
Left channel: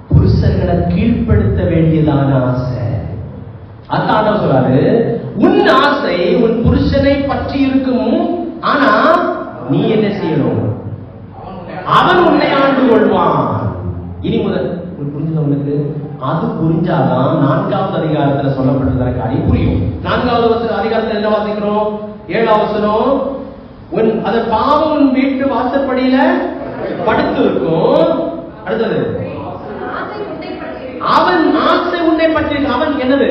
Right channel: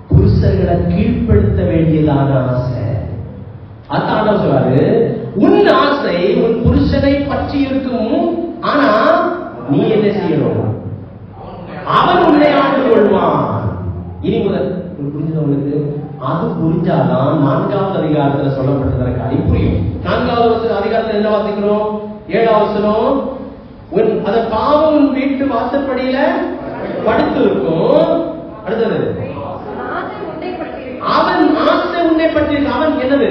புருஷர்களை கீழ்ப்படுத்த வேண்டியதான ஆசை. அதான் சொல்றாரு, உன் ஆசை உன் புருஷனை பற்றி இருக்கும், ஆனா நீ என்ன செய்யணும்? அவன் உன்னை ஆண்டு கொள்வான். இனி முதல் புரிஞ்சது உங்களுக்கு? அது புரிஞ்சாதான் 4வது அதிகாரத்தில் சொல்லப்பட்டதான காரியம் புரியும். 4வது அதிகாரத்தில் என்ன வாசிக்கிறோம்? 7வது வசனம். அது பாவம் உன் வீட்டு வாசற்படியில படுத்து இருக்கும். அடுத்தது அவன் ஆசை உன்னை பற்றி, அவன் என்னது,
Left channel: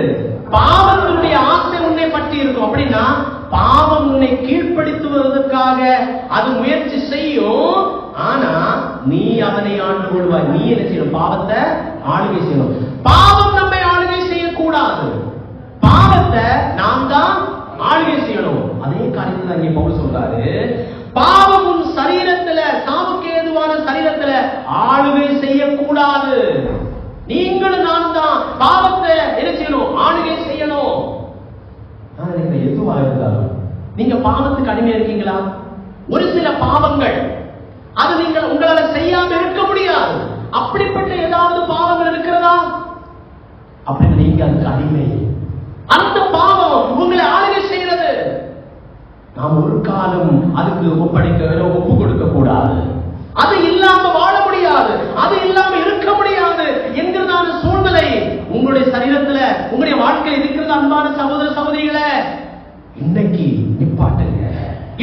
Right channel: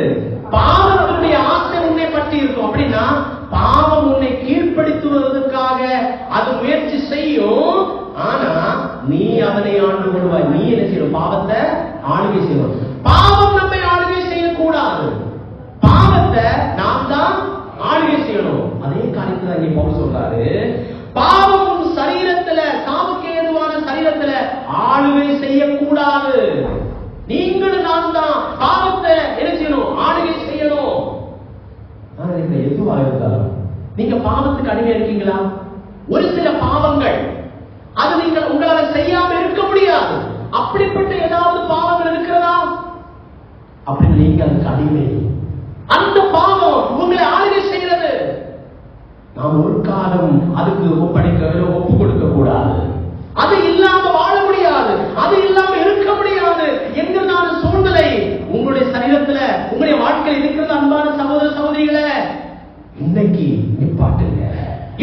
பாவத்தினுடைய ஆசை உன்னை பற்றி இருக்கும். அப்படின்னா பாவம் உன்னை கீழ்ப்படுத்துவதற்காக அது முயற்சி செய்யும். ஆனா நீ அவனை ஆண்டு கொள்வாய். நீ என்ன செய்யணும்? பாவத்தை ஆளுகை செய்யணும். பாவம் நம்மை ஆளுகை செய்யக்கூடாது. பாவத்தை நாம் தான் ஆளுகை செய்யணும். அதே காரியத்தை தான் இங்கே பவுல் சொல்றாரு. பாவம் உன் சரீரத்துல, சாவுக்கு ஏதுவான சரீரத்துல ஆளுகை செய்யக்கூடாது. நீங்களும் நான் தான் பாவத்தை என்ன செய்யணும்? ஆளுகை செய்யணும். எதுவா இருந்தாலும் நீங்க பாவத்துக்கு அடிமையா இருக்கீங்களா? ஒரு சில பாவங்கள் அது நீங்கள் உங்களால செய்யாம இருக்க முடியாது. அப்படிப்பட்ட ஏதாவது பாவங்கள் இருக்கிறதா? அப்படி நீங்க அதுக்கு அடிமை. அந்த பாவம் உங்களை ஆளுகை செய்கிறது. நாம் ஒரு காலம் அதுக்கு ஒப்பு கொடுக்க கூடாது. அது இல்லாம வாழ முடியாது, அது இல்லாம இருக்க முடியாது என்கிறதான சூழ்நிலை உங்களுடைய சரீரத்துல, உங்களுடைய வாழ்க்கையில் இருக்கிறது. அன்பான சகோதர சகோதரிகளை, இன்னைக்கு நிப்பாட்டுங்க.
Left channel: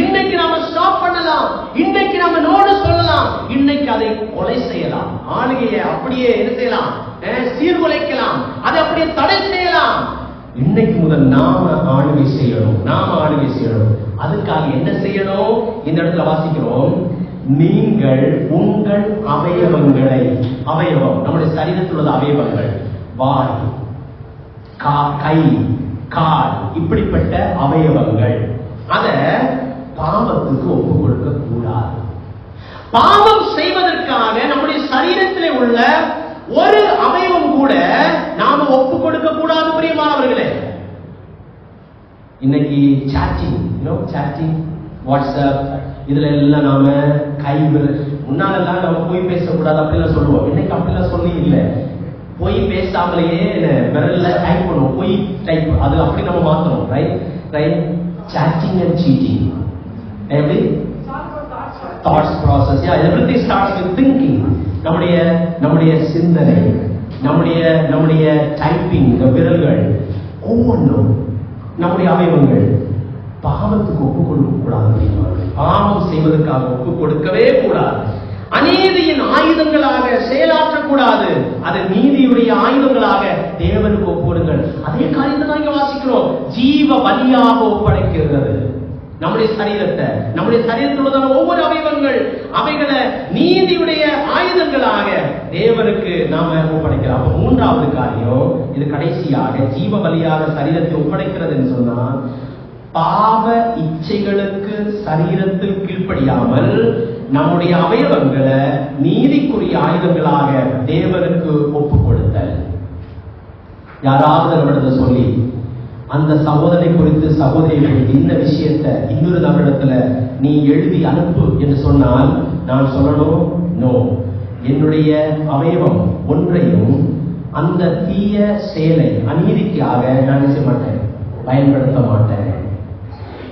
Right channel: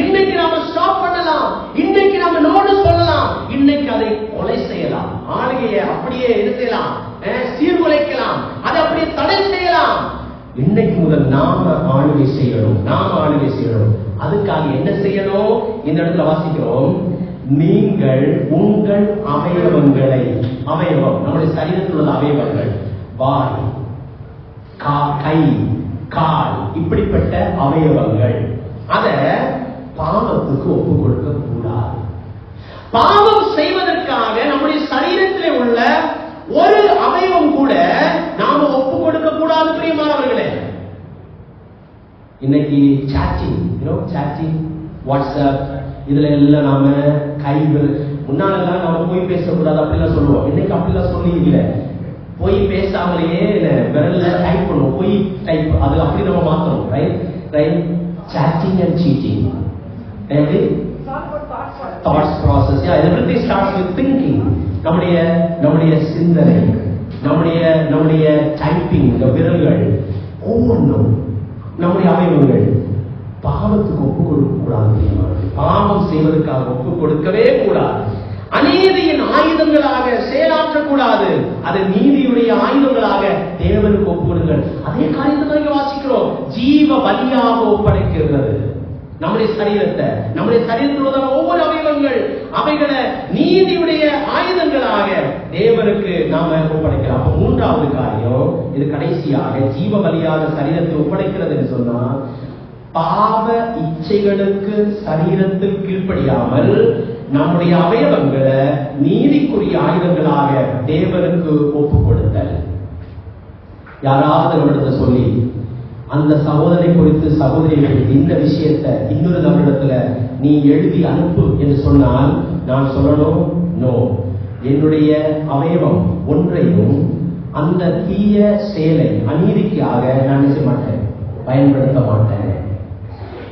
இன்னைக்கு நாம ஸ்டாப் பண்ணலாம். இன்னைக்கு நாம நோடு சொல்லலாம். இன்னைக்கு அதை கொலை செய்யலாம். ஆளுகையை அப்படியே என்ன செய்யலாம்? சீர்குலைக்கலாம். அதை அப்படியே தடை செய்யலாம். இன்னைக்கு முதல் நாம ஆளுகை செய்யணும். நாம ஆளுகை செய்யணும். அதுக்காக என்ன செய்யணும்? இந்த இடத்துல வாசிக்கிறோம். நீங்கள் உங்கள் அவயவங்களை, அவயவம் நம்முடைய சரீரத்தில் உள்ள அவயவங்கள், வாய், கை, கால், இப்படிப்பட்ட அவயவங்கள், அத பாவத்துக்கு ஒப்பு கொடுக்க கூடாது. பாவம் செய்வதற்காக நம்முடைய சரீரத்திலே உள்ள ஒரு அவயவம் கூட நாம ஒப்பு கொடுக்க கூடாது. பிரியமானவர்களே, இன்னைக்கு சாட்டிங், வாட்ஸ்அப், இதுல எல்லாம் நாம கை முன்னாலெல்லாம் நம்ம போய் பேசக்கூடாது அப்படிலாம் சொல்லுவோம். இன்னைக்கு அப்படிலாம் சொல்லி இல்லை. போய் பேசாமலேயே விரல்ல டைப் பண்ணுவோம். போய் டைப், அது அப்படி நம்ம மாத்தணும். Right chatting and cheating. எப்படி? Thoughts process. Everything starts with thinking. நம்முடைய சிந்தனை, நம்முடைய டைப்பிங், விரல்கள் ஒவ்வொன்றும் நம்முடைய அவயவங்கள் பாவத்துக்கு ஒப்பு கொடுக்க கூடாது. பாவம் செய்வதற்காக ஒப்பு கொடுக்கவே கூடாது. அநீதியின் ஆயுதங்களாக செயலாற்றக்கூடாது. அது நீதியுடைய ஆயுதங்களாக தேவனுக்கு ஒப்புடுங்கள். அதே காரியத்தை நாங்க வாசிக்கிறோம். ஜீவ பலியாக ஒப்படைக்கிறது நம்முடைய சரீரத்தை, நம்முடைய சரீரத்தில் உள்ள ஒவ்வொரு அவயவங்கள், அவைகளை நீதியுடைய ஆயுதங்களாக தேவனுக்கு நாம ஒப்படைக்கலாம். மூன்றாவது காரியம், இது கடைசியாக, ஜீவ பலியாக சரீரத்தை ஒப்படைக்கிறது என்று சொன்னா, பாவ இச்சைகளுக்கு சரீரத்தில் கீழ்ப்படியாமல் நம்முடைய அவயவங்களை நீதிக்குரிய ஆயுதங்களாக தேவனுக்கு ஒப்பு கொடுத்த. யாராவது நம்மிடத்துல சொல்லி அந்த சகோதரனை குறித்து, சகோதரியை இந்த விஷயத்தை இன்னொரு நபரிடத்துல நீ எழுதி அனுப்பு என்று சொன்னால் நான் சொல்லணும், நோ, என்னுடைய அவயவம் ஒன்றையும் அந்த தீய செயலை, அநீதிக்காக நான் செய்ய மாட்டேன், பயன்படுத்த மாட்டேன்.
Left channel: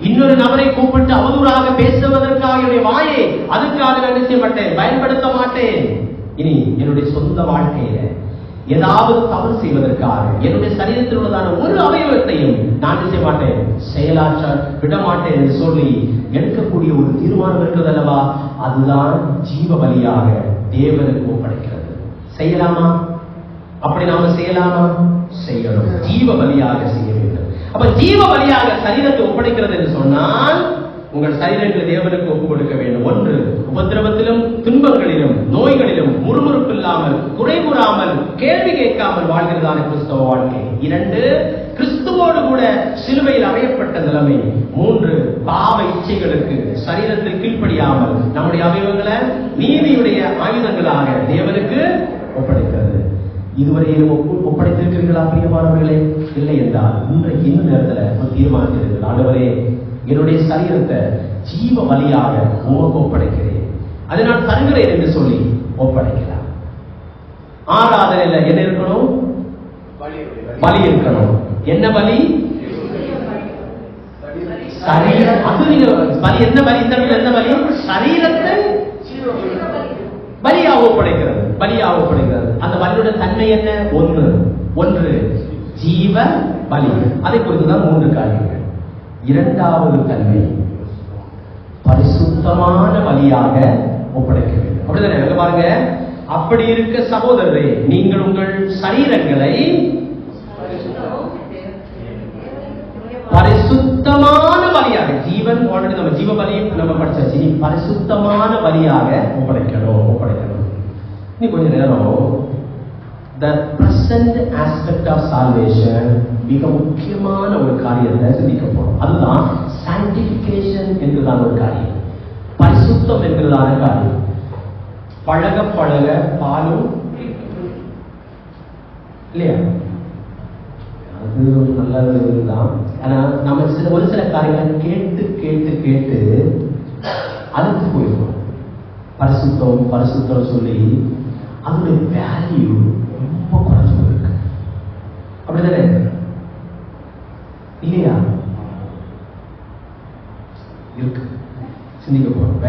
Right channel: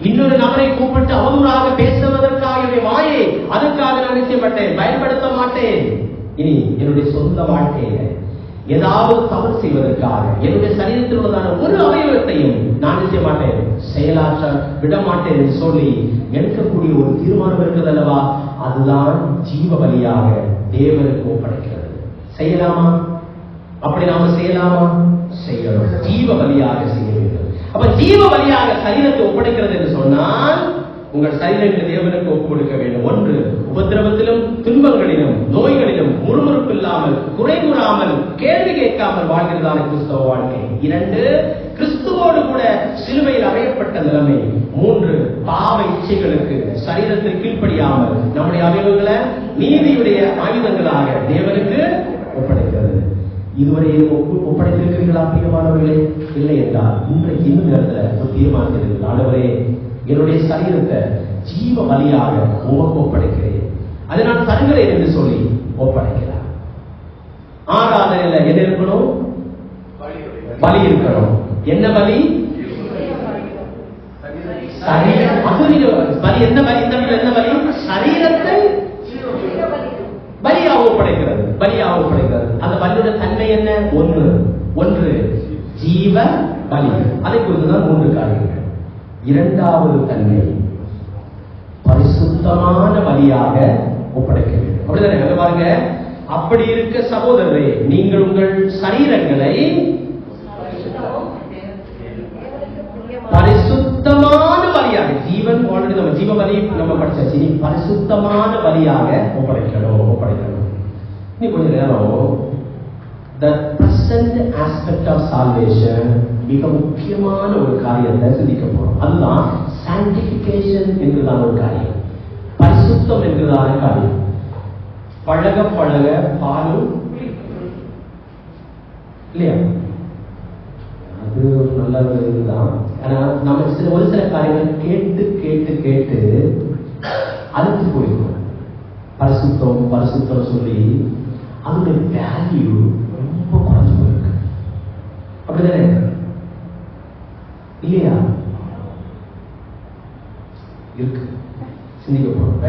இன்னொரு நபரை கூப்பிட்டு அவதூறாக பேசுவதற்காக என்னுடைய வாயை அதுக்காக நான் செய்ய மாட்டேன், பயன்படுத்த மாட்டேன். இனி என்னுடைய சொந்த வாழ்க்கையில ஏதாவது தவறு செய்வதற்காக என்னுடைய சரீரத்தில் உள்ளதான ஒரு அவயவத்தையும் நான் செய்ய மாட்டேன், செயலாற்ற விட மாட்டேன் என்று சொல்லி எடுக்கக்கூடிய ஒரு தீர்மானம் இருக்கிறது அல்லவா? அதுதான் ஜீவ பலியாக தேவனுக்கு ஒப்படைக்கிறது. செய்யலாமா? அப்படி நாம செய்யலாமா? செய்யணும். ஜீவ பலியாக செய்ய வேண்டும். அப்ப ஜீவ பலியாக சரீரத்தை ஒப்படைக்கிறது என்று சொன்னால் உங்கள் சரீரங்களை தேவனுக்கு ஒப்புக் கொடுக்க வேண்டும். ஒன்று, உபத்திரவத்திலும் துன்பங்களிலும் நோய்களிலும் முறுமுறுப்பு இல்லாமல், குறை கூறாமல், கேள்வி கேட்காமல் வாழ்கிறதான கிறிஸ்தவ வாழ்க்கை. இரண்டு, கிறிஸ்துவோடு கூட சிலுவையில் அறையப்பட்ட நிலைமை. மூன்று, பாவ இச்சைகளுக்கு சரீரத்தில் கீழ்ப்படியாமல் நம்முடைய அவயவங்களை நீதியுடைய ஆயுதங்களாக தேவனுக்கு ஒப்படைக்கிறது. இதுவரை ஒப்படைத்திருக்கிறீர்களா பிரியமானவர்களே? இல்லை என்றால் இன்றைக்கு இந்த நேரத்தில் ஒரு தீர்மானித்திருக்கிறது. ஆண்டவரே, என்னுடைய சரீரத்தை ஜீவ பலியாக உமக்கு ஒப்படைக்கிறேன், அதை நான் தருகிறேன் என்று சொல்லி ஒப்படைக்கிறார். ஆராதனையில என்ன இருக்கணும்? பலி இருக்கணும். என்ன பலி? சரீரம். அது நீங்க பலி என்ன பலி? என்ன பலி? சரீரத்தை பலியாக ஒப்படைக்கிறது. பலியாக ஒப்படைக்கிறது. அந்த பலியுடைய தன்மை என்ன? ஒன்று ஜீவ பலி. அதை குறித்துதான் மூன்று காரியங்கள். இரண்டாவது தன்மை பரிசுத்தமான பலியாக ஒப்படைக்க வேண்டும். அப்படிதானே? பாருங்க, அப்படி இருக்க சகோதரரே, நீங்கள் உங்கள் சரீரங்களை பரிசுத்தமான பலியாக, ஜீவன் ஆல்ரெடி நம்ம ஜீவ பலி நம்ம படிச்சாச்சு, நீ பரிசுத்தமான பலியாக ஒப்படைக்கணும். நீ கொஞ்ச நேரம் the present aspect of salvation மிக முக்கியமான ஒரு காரியத்தை சிந்திக்க போறோம். அதுதான் sanctification என்கிறதான ஒரு காரியம், பரிசுத்தம் என்கிறதான காரியம். பழக பழக பாலும் இல்லையா, அது நல்ல இதுதான். ஆனா நம்ம ஒரு சில காரியங்களை கேட்டு கேட்டு கேட்டு அழுத்து போயிருக்கோம். பரிசுத்தம் சொல்லி அதோடைய வேல்யூ ரொம்ப குறைஞ்சு போயிருக்கு. அப்படிதானே இல்லையா? இருக்கு, சிந்திக்க போறோம்.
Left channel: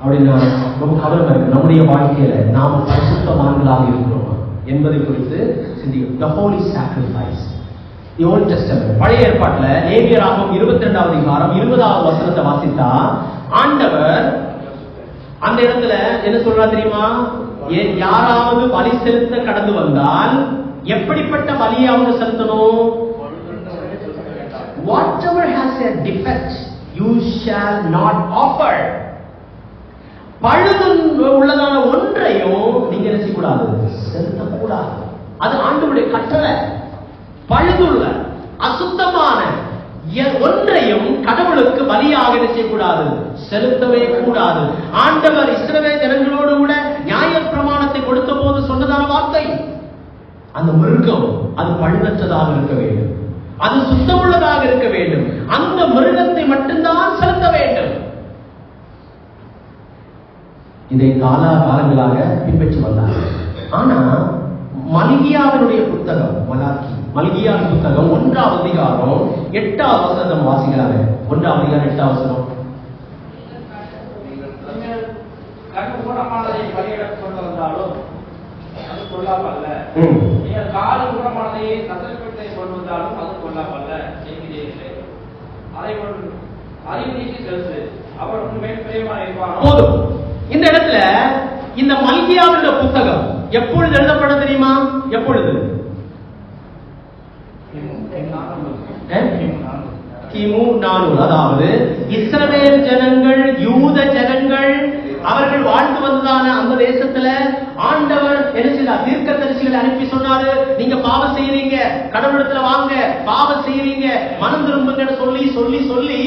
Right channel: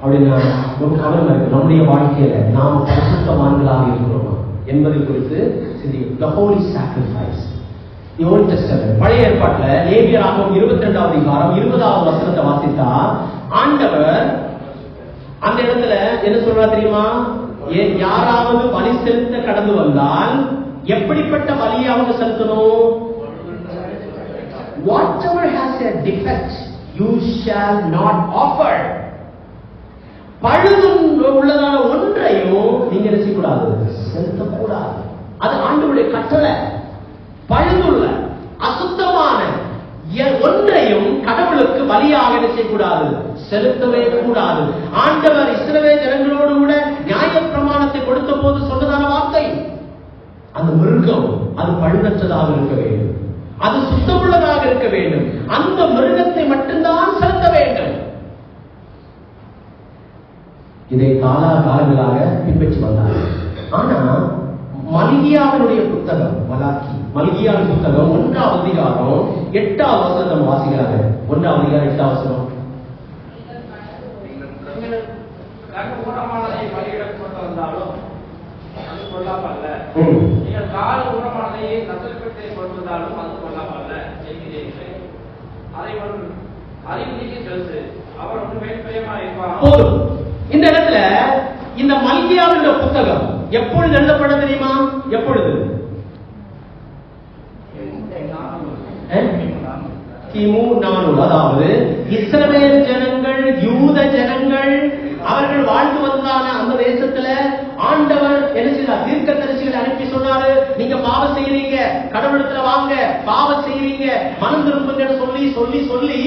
அப்படின்னா ரொம்ப கவனமா இருக்கு. நம்முடைய வாழ்க்கையில நாம் பரிசுத்தவான்களாக இருக்கிறோமா என்பதை குறித்து சிந்திக்க. The Holy Sacrifice, The Old Testament, பழைய ஏற்பாட்டுல லேவியராகமம் 22வது அதிகாரம் 20வது வசனத்தை வாசித்தா ஆண்டவர் அந்த இடத்துல என்ன சொல்றா தெரியுமா? யாராவது பலி செலுத்த கடந்து வந்தால் எப்படிப்பட்ட பலியை அவங்க செலுத்தணும்? Whatever has a defect you shall not offer. பழுது உள்ளதான ஒன்றையும் நீங்க என்ன செய்யக்கூடாது? செலுத்தக்கூடாது. அது ஆண்டவருடைய கட்டளை. பழுதுள்ள அசுத்தமான ஒன்றையும் கடவுளுக்கு பலியாக என்ன செய்யக்கூடாது? செலுத்தவே கூடாது. ஆண்டவர் இஸ்ரவேல் ஜனங்களோடு கூட நியாய பிரமாணத்தை கொடுத்த போது சொன்னதான வார்த்தை, அந்த மிருகம் அது பழுதற்றதாக இருக்க வேண்டும், அது சுத்தமுள்ளதாக இருக்க வேண்டும், அந்த மிருகத்தை மட்டும்தான் செலுத்த வேண்டும். இதை காலங்களாக பின்பற்றி வந்தார். ஆனா மல்கியாவினுடைய புத்தகம், மல்கியாவின் புத்தகம் 1வது அதிகாரம் 8வது வசனம் வாசிக்கிறாங்க. 1வது அதிகாரம் 8வது வசனம். கண் ஊனமானதை பலியிடக் கொண்டு வந்தாலும் அது கொள்ளாமல்ல, நீங்கள் கால் ஊனமானதையே நசல்பட்டை கொண்டு வந்தாலும் அது கொள்ளாமல்ல செய்கிறீர்கள். அதை நீக்கி செலுத்து, அவர் உண்மையில் பிரியமாக இருப்பார். போதும். இந்த இடத்துல இந்த மல்கியாவினுடைய புத்தகம் எப்பொழுது எழுதப்பட தெரியுமா? எப்பொழுது? கிமு 400. அதாவது இஸ்ரவேல் ஜனங்கள், யூத ஜனங்கள், அவர்கள் வாழ்ந்து வந்ததான அந்த தேசத்துல ஆண்டவர் என்ன செய்தார்? தீர்க்கதரிசிகளை அனுப்பி சொன்னாரு, நீங்க பாவம் செய்யறீங்க, கடவுளிடத்துல வாங்க, பாவம் செய்யறீங்க, மனம் திரும்புங்கன்னு சொல்லி சொல்லி சொல்லி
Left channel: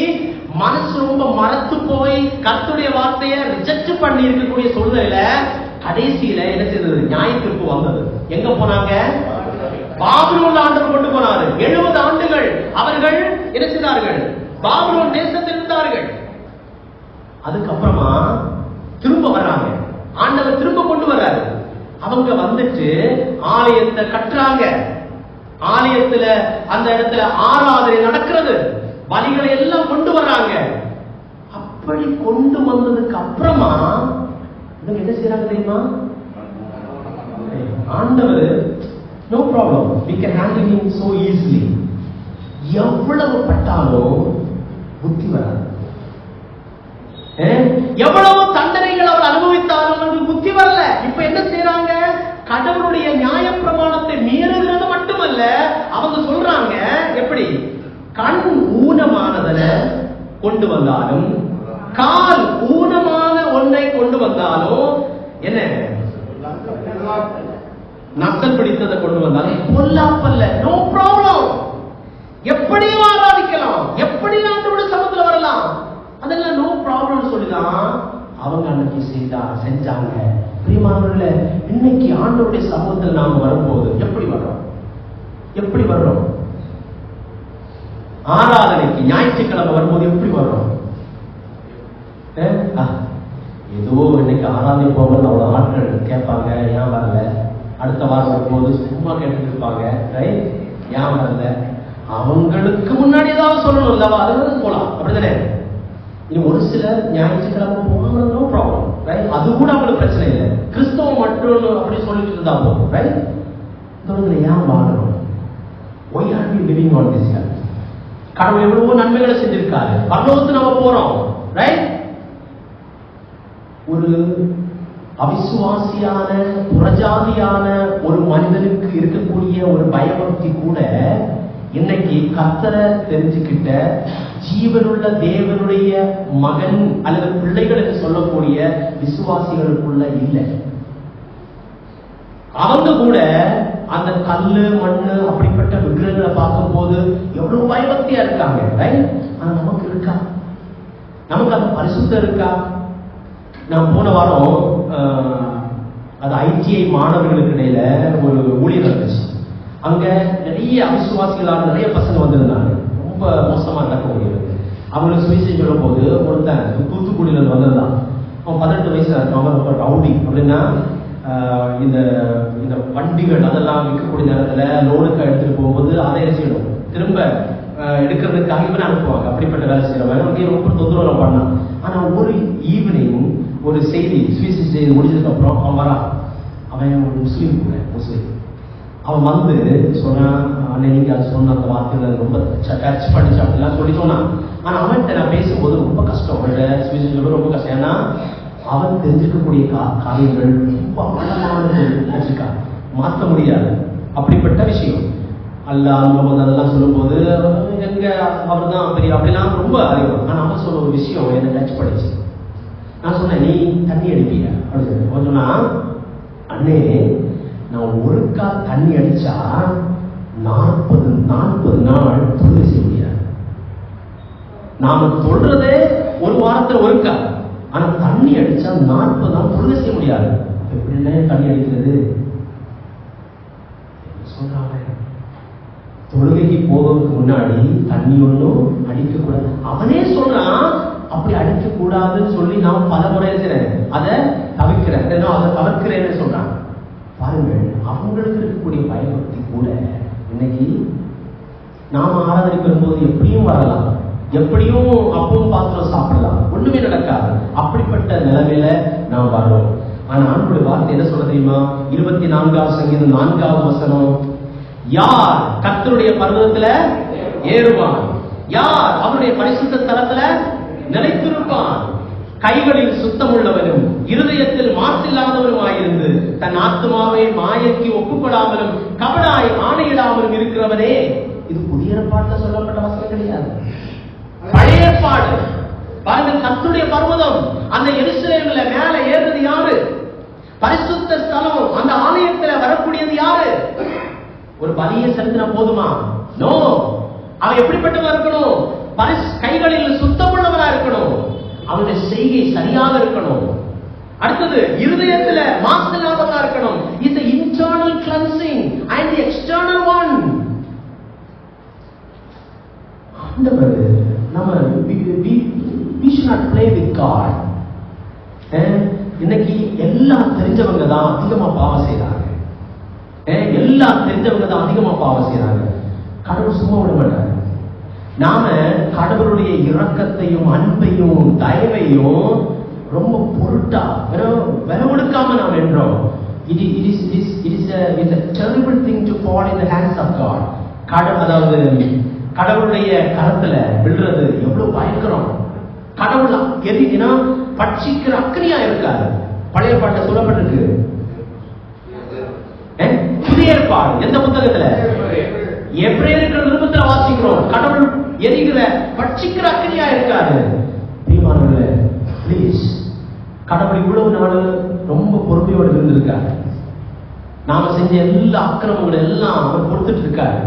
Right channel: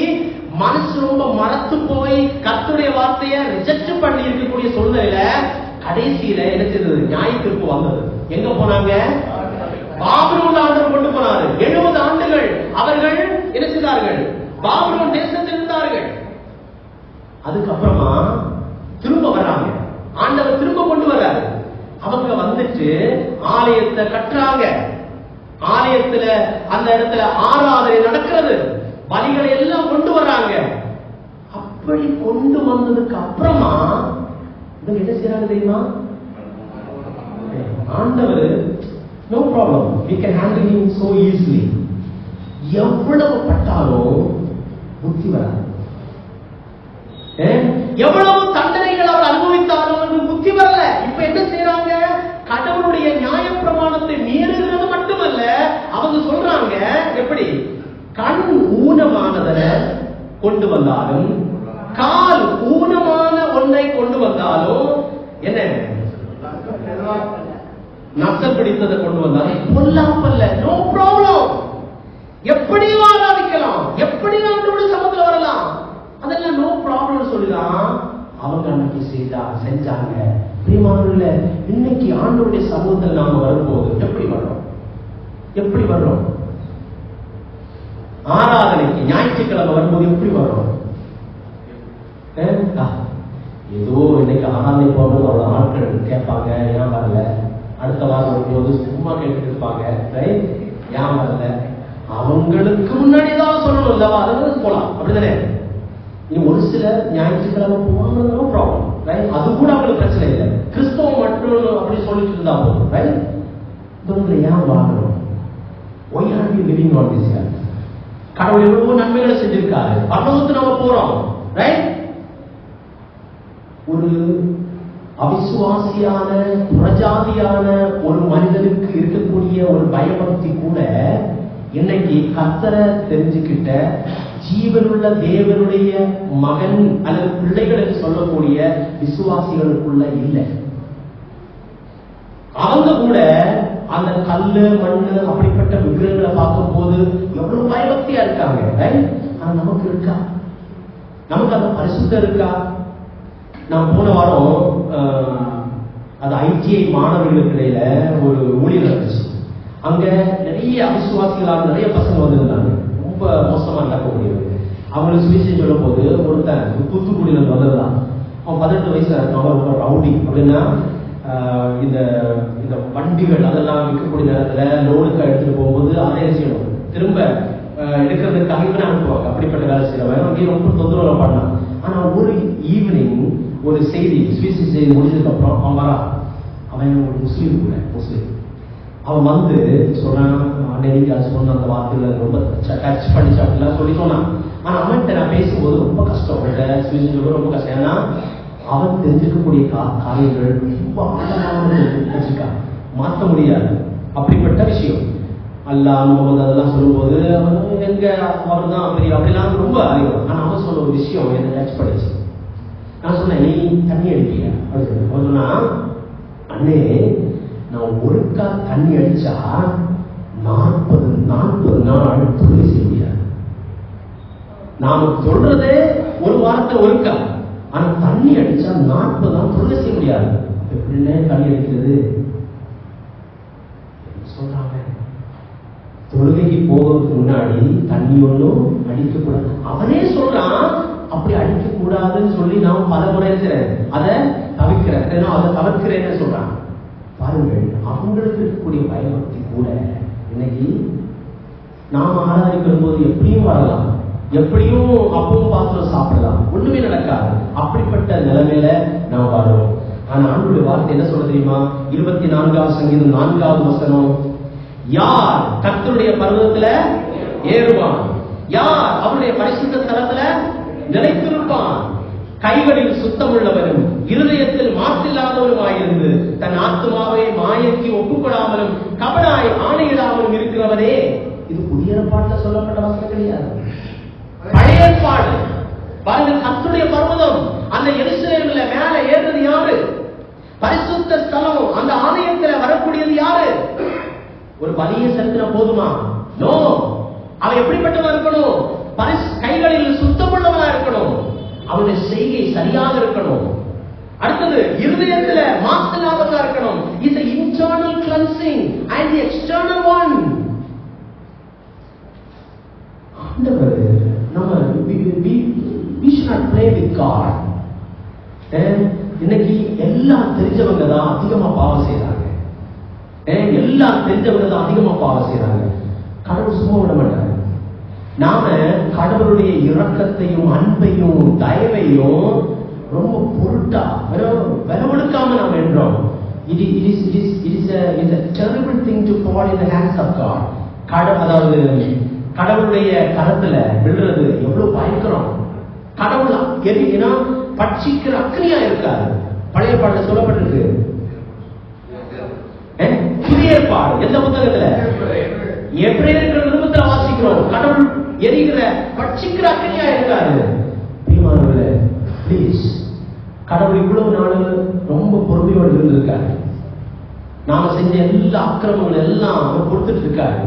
மனசு ரொம்ப மறத்து போய் கர்த்தருடைய வார்த்தையை ரிஜெக்ட் பண்ணி இருக்கக்கூடிய சூழ்நிலையில கடைசியில என்ன செய்தது? நியாய தீர்ப்பு வந்தது. எங்க போனாங்க? பாபிலோன் ஆண்டவர் கொண்டு போனாரு. 70 ஆண்டுகள் அவர்கள் என்ன செய்தார்கள்? பாபிலோன் தேசத்தில் இருந்தார்கள். அதுக்கப்புறமா திரும்ப வர்றாங்க, ஆண்டவர் திரும்ப கொண்டு வர்றாரு. அவங்க வந்துட்டு ஆலயத்தை கட்டுறாங்க. ஆலயத்துல அந்த இடத்துல ஆராதனை நடக்கிறது, பலிகளை எல்லாம் கொண்டு வர்றாங்க. அப்படி கொண்டு வந்ததுக்கு அப்புறமா இவங்க என்ன செய்யறாங்க தெரியுமா? ஆண்டவர் no problem, we can handle him so easily. எவ்வளவு பட்டாலும் புத்தி வராது. எவ்வளவு தண்டனைகள் அவர் அனுபவித்தாலும் அவருக்கு புத்தி வரல. இப்ப என்ன செய்யறாங்க? கடவுளுடைய நியாய பிரமாணத்தை மீறுகிறது மட்டுமல்ல, அவங்க சொல்றாங்க எப்படி? கண் ஊனமானதை கொண்டு வந்தாலும், கால் ஊனமான ஒன்றை கொண்டு வந்தாலும், என்ன நசல் பிடித்ததை கொண்டு வந்தாலும் பொல்லாப்பல்ல, நோ ப்ராப்ளம். எப்படியும் ஆராதிக்கலாம், எப்படி ஆண்டவருடைய சமூகத்துல வரலாம், அதெல்லாம் நோ ப்ராப்ளம் சொல்லிதான் அவங்க அன்னைக்கு செஞ்சாங்க. பிரியமானவர்களே, இன்னைக்கு ஆண்டவருடைய சமூகத்தில் நாம வரும்போது எப்படி வர்றோம்? எப்படி வர்றோம்? ஆராதனைக்கு ஞாயிற்றுக்கிழமை வரும்போது எப்படி வர்றோம்? ஏதோ இன்னைக்கு ஆராதனை போகும்போது அவ்வளவு ஆட்கள் கேட்பாங்க, ஏன் வரல? அடுத்த வாரம் வரும்போது சும்மா கேட்டு இருப்பாங்க, ஏன் வரல? அவங்களுக்கு முன்னாடி ஏதாவது சொல்லணும் இல்லவா? அது வந்து போலாம், அப்படிதானே? இனி ஒரு சிலர் ஞாயிற்றுக்கிழமை போகணும், நோ ப்ராப்ளம், ரைட்? அது கூட அவங்களுக்கு பிரச்சனை இல்லை. கிறிஸ்தவம் மட்டும் அப்படி சொல்லிட்டு இருந்தா போதும், ரைட்? இவங்களை ஏன் வாழணும்? Why are we living on this earth? கடவுள் எவ்வளவோ நன்மைகளை செஞ்சிருக்காரு, பரலோகத்துக்கு நம்ம போறோம், ரைட்? ஒரு அவிசுவாசியான புறஜாதியான ஒரு மனிதனுக்கு இருக்கக்கூடிய ஒரு பயபக்தி கூட இன்னைக்கு கர்த்தரை தெரிஞ்சுக்கிட்ட ஜீவனுள்ள தேவனுடைய மகன் அல்லது பிள்ளைகள் என்று சொல்லக்கூடிய விசுவாசிகளுக்குள்ள இல்லை. அவங்க கூட அந்த கல்லு மண்ணு அப்படிப்பட்ட விக்கிரகங்களை பார்க்கும் போது எவ்வளவு பயபக்தியா இருக்காங்க. ஆனா நமக்கு இருக்கா? நமக்கு அந்த பரிசுத்தம் இருக்கா? நான் போன வாரம் அது ITI மாணவர்களுக்கு இடையில ஒரு ஊழியர் இருந்துச்சு. அங்க நிறைய அவிசுவாசிகளான நிறைய பசங்க வந்திருந்தாங்க. ரொம்ப மோசமா நடக்கக்கூடியது. அவங்களுக்கு சுவிசேஷம் சொல்லும் போது ஒருத்தன் தூத்துக்குடியில வந்திருந்தான். அவன் 18 வயசுல இருக்கான். ரொம்ப ரவுடி. அப்படின்னா இந்த இந்த வண்டிகள் அதெல்லாம் விற்கக்கூடிய நேரத்துல லோனுக்கு எடுத்துட்டு போகும்போது அதை செய்யணும், திரும்ப எடுக்கிறதுக்காக இவனை அனுப்புவாங்க. அப்படிப்பட்ட வேலை செய்யறவன் அங்கே ரொம்ப தொந்தரவு பண்ணான். ஆனா ஒரு ஈவினிங் ஒரு செய்தி சுவிசேஷ செய்தி முடிஞ்சதுக்கு அப்புறம் அவன் வரா. அவன் ஒரு முஸ்லீம். அவன் வந்து சொன்னான், நீங்க அதை சொன்ன அந்த வார்த்தையில ரொம்ப டச் பண்ணிச்சு அப்படிலாம் சொல்லி சொன்னான். ஆனா அவன்கிட்ட நான் பேசும்போது ரொம்ப கஷ்டம், சுவிசேஷம் ரொம்ப கஷ்டம். ஏன்னா அவன் தெரிஞ்சுக்கக்கூடிய காரியங்கள் ரொம்ப ஆழமாக மாற்ற முடியாது. அப்படிப்பட்ட விஷயம் அல்லாஹ் முகமது அதெல்லாம் சொல்லும்போது எங்க அவர் தான் பெரிய அப்படிலாம் ரொம்ப அதிகம். ஆனா அவன் சொன்ன ஒரு விஷயம் என்ன டச் பண்ணிச்சு. நான் சொன்னேன், நீ தண்ணி அடிப்பீங்க அப்படின்னு சொன்னா, அண்ணே நான் ஒருக்கா தண்ணி அடிச்சா 40 நாள் தொழில் செய்ய முடியாது. நாம சொல்றதே ஒரு வாரத்துல ஒருக்கா, ஆனா தண்ணி அடிச்சா 40 நாள் தொழில் செய்ய முடியாது. எப்படின்னே தண்ணி அடிக்கிறது சொல்றாங்க. தொழுகைக்கு போகிறதுக்கு முன்னாடி தண்ணி ஒன்றும் அடிக்கக்கூடாது. அவனே சொல்றான் அப்படி அடிக்க கூடாதுன்னு சொல்லி நான் பல முறை அதை தவிர்க்கிறேன், அதை தவிர்க்கிறேன்னு சொல்றான். பாருங்கள், அவங்களுக்கு இருக்கக்கூடிய பயபக்தி கூட இன்னைக்கு நாம் ஆராதனை பெறும்போது எப்படியும் வரலாம், எப்படியும் அப்பவும் பாத்திரம் சாப்பிடலாம், ஒண்ணுமே நடக்காது. அப்படிப்பட்ட நிலைமையில நாம் வரோம். ஆனா ஆண்டவருடைய வார்த்தை என்ன சொல்ல தெரியுமா? 24வது சங்கீதம் 4வது வசனம், யார் கர்த்தருடைய பர்வதத்துல ஏறுவான், யார் அவருடைய பரிசுத்த ஸ்தலத்துல நிலைத்திருப்பான், கைகளில் சுத்தமுள்ளவரும் இருதயத்தில் மாசில்லாதவருமாயிருந்து தன் ஆத்மாவை மாயைக்கு ஒப்புக்கொடாமலும் கபடாய் ஆணையிடாமலும் இருக்கிறவரே. இது புதிய ஏற்பாட்டில் சொல்லப்பட்ட வசனம் கிடையாது, பழைய ஏற்பாடு. பாருங்க, கர்த்தருடைய பர்வதம் அந்த எருசலேமில் மேல ஏறுறது யாரு? பரிசுத்த ஸ்தலம், அந்த ஆலயத்துல வரக்கூடியது யாரு? ஒரு பலியை செலுத்தின போதுமா? நோ. அவன் எப்படிப்பட்டவன் இருக்கணும்? கைகளில் சுத்தமுள்ளவனா இருக்கணும், அவனுடைய செய்கை சரியாக இருக்கணும். அடுத்தது இருதயத்துல மாசில்லாதவனா இருக்கணும். Is the internal cleansing and the external one. ஆண்டவர் நம்ம we should not play with God. இன்னைக்கு எல்லாம் தெரிஞ்சவங்க தான் அதிகமா பாவம் செய்யறாங்க. எல்லாம் தெரிஞ்சவங்க தான் அதிகமா பாவம் செய்யறாங்க. கடவுள் சும்மா விட மாட்டாங்க. நாம கடவுளுடைய இரக்கத்தையும் அன்பையும் தயவையும் ரொம்ப பொருட்டா விலை கொடுக்காம நாம் என்றோம். It is a terrible thing to fall in the hands of God. அதாவது கடவுளுடைய கரத்துல விழுறது எவ்வளவு பயங்கரம். கடவுள் எரினா பட்சிக்கிற அக்னியா இருக்காது. பழைய பாட்டுல சொல்லப்பட்டிருக்கு. புதிய ஏற்பாடு எந்த புத்தகத்துல? எபிரேயர்கள் நிருபத்துல வாசிக்கிறோம். கடவுள் எரிகிற பட்சிக்கிற அக்னியா இருக்காது. பிரியமானவர்களே, ப்ளீஸ், கடவுள் இவ்வளவு நாள் ரொம்ப பொறுமையோடு இருந்திருக்காரு. நாம செஞ்ச எல்லா அக்கிரமங்கள் எல்லாம் அவர் பொறுத்துட்டு இருக்காரு.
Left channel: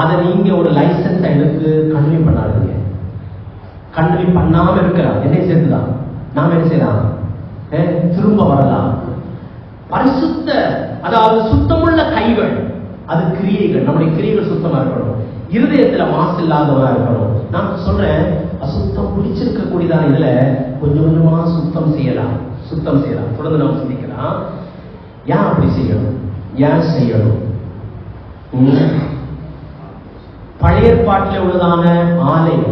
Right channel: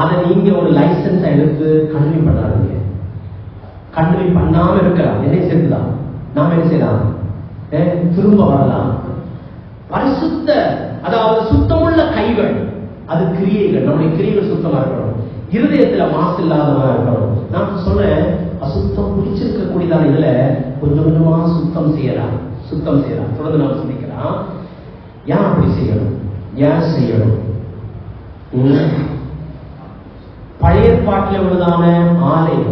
அதை நீங்க ஒரு லைசன்ஸ் எடுத்து கல்வி பண்ணாதீங்க. கல்வி பண்ணாம இருக்கிறான் என்ன செய்யலாம்? நாம என்ன செய்யலாம்? திரும்ப வரலாம். பரிசுத்த, அதாவது சுத்தமுள்ள கைகள், அது கிரியைகள், நம்முடைய கிரியைகள் சுத்தமா இருக்கணும். இருதயத்துல மாசு இல்லாதவா இருக்கணும். நான் சொல்றேன், அசுத்தம் பிடிச்சிருக்க கூடியதான இதுல கொஞ்சம் கொஞ்சமா சுத்தம் செய்யலாம். தொடர்ந்து நாம் சிந்திக்கலாம். ஏன் அப்படி செய்யணும்? ஏன் செய்யணும்? பழைய ஏற்பாட்டில் உள்ளதான ஆலயம்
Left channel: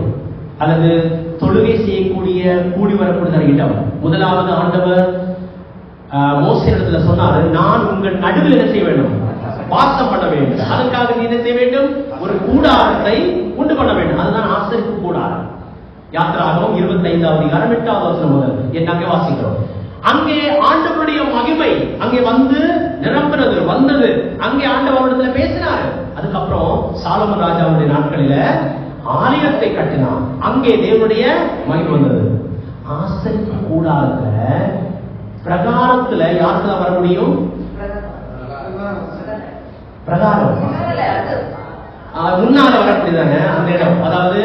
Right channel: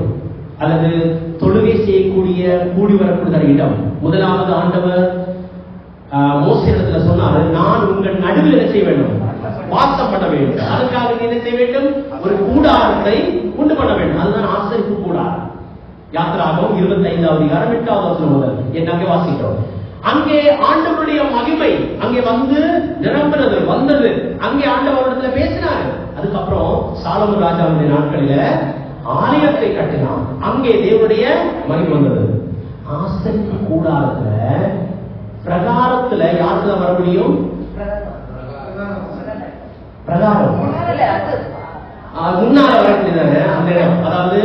அல்லது தொழுகை செய்யக்கூடிய கூடி வரக்கூடியதான இடம், முதலாவது ஆண்டவர் மோசே இடத்துல சொன்னாரு, நான் உங்கள் நடுவில் என்ன செய்ய வேண்டும்? வாசம் பண்ண வேண்டும். அதுக்காக நீ என்ன செய்ய வேண்டும்? ஒரு கூடாரத்தை உண்டு பண்ண வேண்டும். அதுதான் ஆசரிப்பு கூடாரம். யாத்திராகமம் 25வது அதிகாரம் 8வது வசனம் முதல் என்னங்க வாசிக்கிறோம். அங்கே ஆண்டவருடைய மகிமை அங்கே வந்து நிரம்பினது வந்தது. அங்கே ஆண்டவரிடத்துல பேசினார். அதுக்கப்புறம் சாலமன் ராஜாவுடைய நாட்களில ஆலயத்தை கட்டினான். அங்கே தேவனுடைய மகிமை வந்தது. ஆசரிப்பு கூடாரத்துல பிரகாரத்துல யாருக்குதான் வர முடியும்? பிரகாரம் முன்னால வரக்கூடியதாங்க அந்த இடம். அதாவது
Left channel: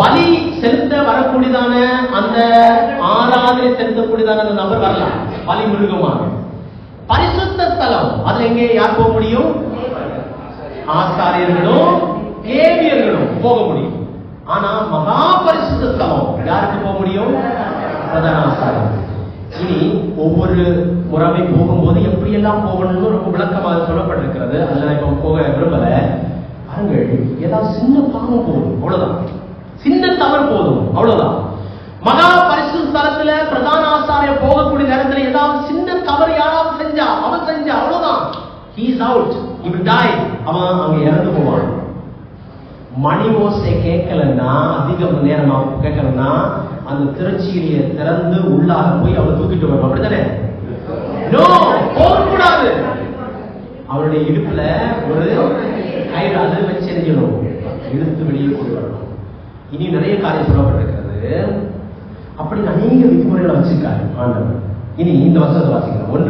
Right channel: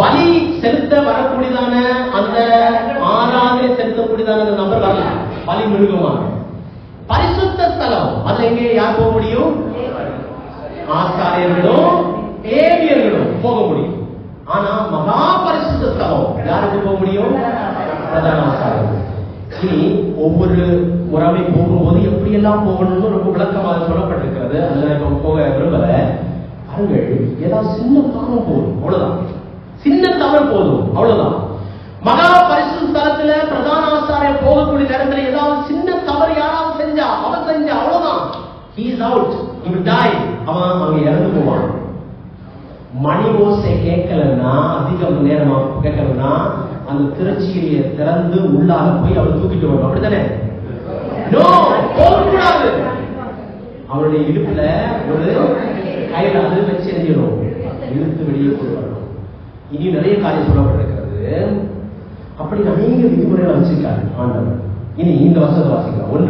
பலி செலுத்த வரக்கூடியதான அந்த ஆராதனை செலுத்தக்கூடியதான அந்த நபர் வரலாம் பலி மிருகமாக. பரிசுத்த ஸ்தலம் அதுல எங்கே யார் போக முடியும்? ஆசாரியர்களும் லேவியர்களும் போக முடியும். ஆனா மகா பரிசுத்த ஸ்தலம் யாருக்கு போக முடியும்? பிரதான ஆசாரியர். இனி ஒவ்வொரு முறைமை போகும்போது எப்படியெல்லாம் போகணும்னு ரொம்ப விளக்கமாக சொல்லப்பட்டிருக்கிறது. அதுல நான் இப்ப போக விரும்பல. பாருங்கள், ஏதாவது சின்ன பாவம் போதும், அவ்வளவுதான். சின்ன தவறு போதும், அவ்வளவுதான். மகா பரிசுத்த ஸ்தலத்துல பிரதான ஆசாரியர் போகக்கூடிய நேரத்துல ஏதாவது சின்ன தவறு யாராவது செஞ்சா, அவன் செஞ்சா, அவ்வளவுதான். He is out. He will die. அவன் அங்க இறந்து போவான். மணி ஓசை கேட்கலன்னா, அதிகம் நேரம் கேட்கலன்னா, அந்த திரைச்சீலையை திறந்து உள்ளாக போய் அவரை தூக்கிட்டு வரணும். அப்படித்தானே? நோ, போகக்கூடாது. அவருடைய இடுப்புல ஒரு கயிறு அது வச்சு எரிஞ்சிடணும், இழுத்து வெளியே கொண்டு வரணும். இனி நிறைய காரியம் சொல்லப்பட்டிருக்கிறது. அப்படி அநேக விதிமுறைகளை வச்சிருக்காரு ஆண்டவர். இனி இந்த வசனத்தை வாசிக்கலாம். 1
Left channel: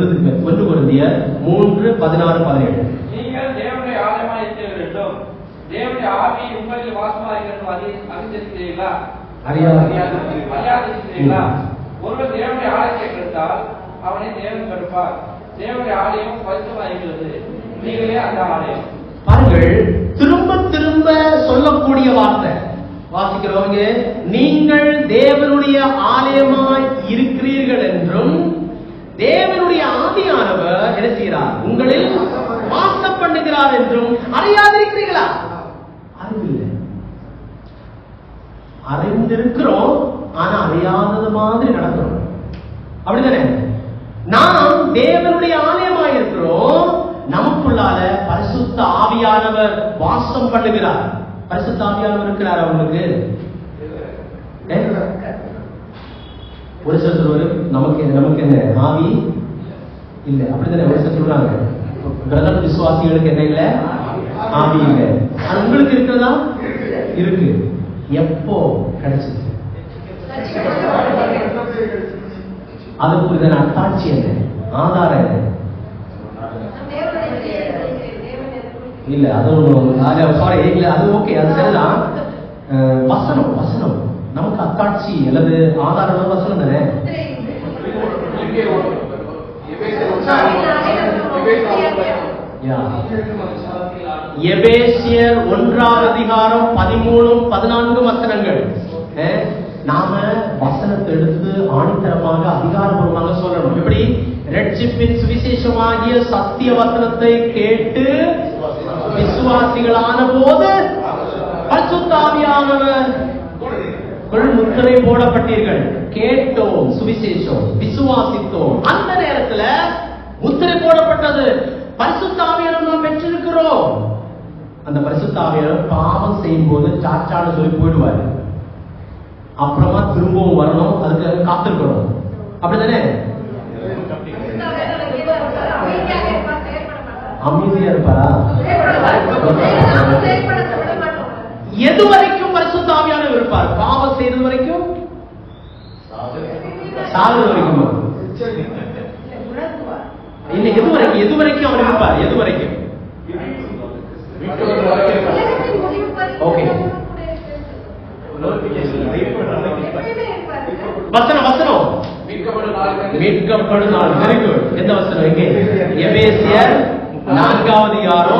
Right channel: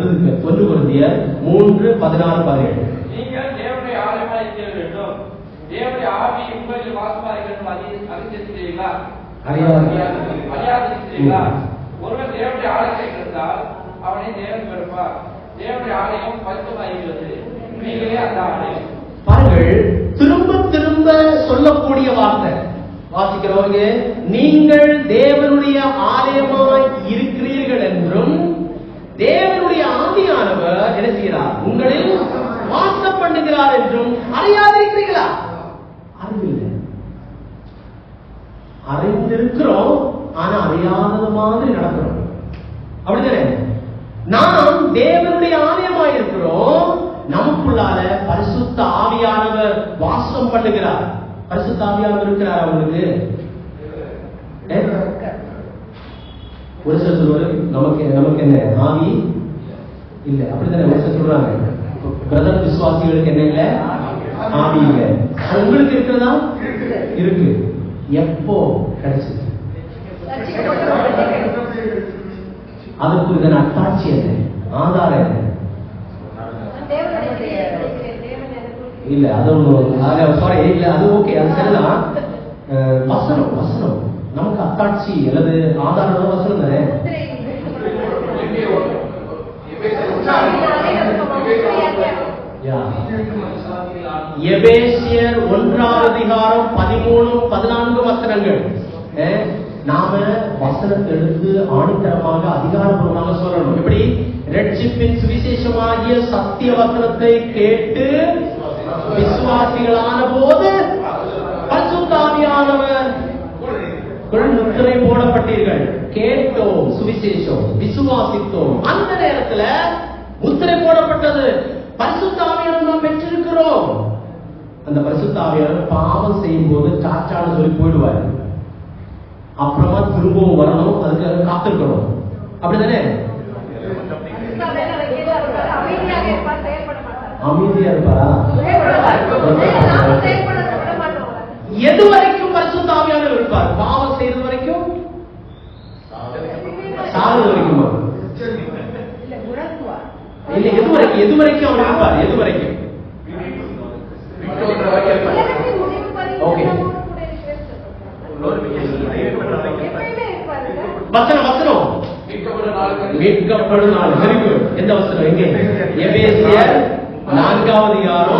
கொரிந்தியர் 3:16-17. நீங்கள் தேவனுடைய ஆலயமாய் இருக்க வேண்டும். தேவனுடைய ஆவி உங்களில் வாசமாயிருக்கிறது அறிந்திருக்கிறீர்களா? அறியாதிருக்கிறீர்களா? ஒருவன் தேவனுடைய ஆலயத்தை கெடுத்தால் அவனை தேவன் கெடுப்பார். தேவனுடைய ஆலயம் பரிசுத்தமாயிருக்கிறது, நீங்களே அந்த ஆலயம். பாருங்கள், திரும்ப திரும்ப சொல்லக்கூடிய வார்த்தை வாசிக்கிறவங்க, நீங்கள் தேவனுடைய ஆலயமாய் இருக்கிறீர்கள் என்றும் தேவனுடைய ஆவியானவர் என்ன செய்கிறார்? உங்களில் வாசம் பண்ணுகிறார் என்றும் அறியாதிருக்கிறீர்களா? அறிவில்லை. அறிந்திருக்கிறோம், ஆனா அறியாதது மாதிரி நடக்கிறோம். அப்படித்தானே? நாம் தேவனுடைய ஆலயமாய் இருக்கிறோம். நமக்குள்ளால பரிசுத்த ஆவியானவர் வாசம் பண்ணுகிறார். பரிசுத்த ஆவியானவர் இருக்கிறார். அவங்களுக்கு ஒரு சில சொல்வாரு, நமக்கு என்ன ஆவி இல்ல, அப்படித்தானே? ஒரு சில சொல்றாங்க, பிரதர் விசுவாசிகளுக்கு என்ன இல்ல, ஆவி இல்ல. அது உங்களுக்கு இருக்கிறதா? இருக்கு. எப்போ கிடைச்சது? அதுக்கு ஒரு அத்தாட்சி என்ன, ஆதாரம் என்ன? இல்ல அது சாரி, இல்ல அது ஓகே, அது சரிதான். வசனம் வசனம் நமக்கு அத்தாட்சி அல்லது ஆதாரம் வசனம் தானே. எபேசியர் 1:13-14 வசனங்கள். நாம வசனத்தை எடுத்து ஆணித்தரமாக அதிகாரபூர்வமாக சொல்லணும். எப்படி? ரட்சிப்பின் சுவிசேஷமாகிய சத்திய வசனத்தை கேட்டு விசுவாசிகளான போது பரிசுத்த ஆவியானவர் முத்திரை போடப்பட்டீர்கள். கேட்டோம் சுவிசேஷம், விசுவாசித்தோம், அந்த நேரத்துல முத்திரை போடப்பட்டது. பரிசுத்த ஆவியானவர் நாம் பெற்றிருக்கிறோம். அந்த பரிசுத்த ஆவியானவர் பாவம் செய்யும் போது சாச்சான்னு சொல்லி போயிடுவார். அப்புறமா திரும்பவும் வரணும், அதுக்கு காத்திருக்கணும். அப்படிதானே? அமைதியா இருப்பாரா? எது வரைக்கும் பரிசுத்த ஆவியானவர் இருப்பார்? பாவம் செய்யறது வரைக்கும், சாகிறது வரைக்கும் இல்ல, எது வரைக்கும் அவர் இருப்பார்? எது வரைக்கும்? ஓகே, வசனம் மீட்கப்படும் நாள். Very good. எந்த வசனம்? எங்கே? எபேசியர் 4:30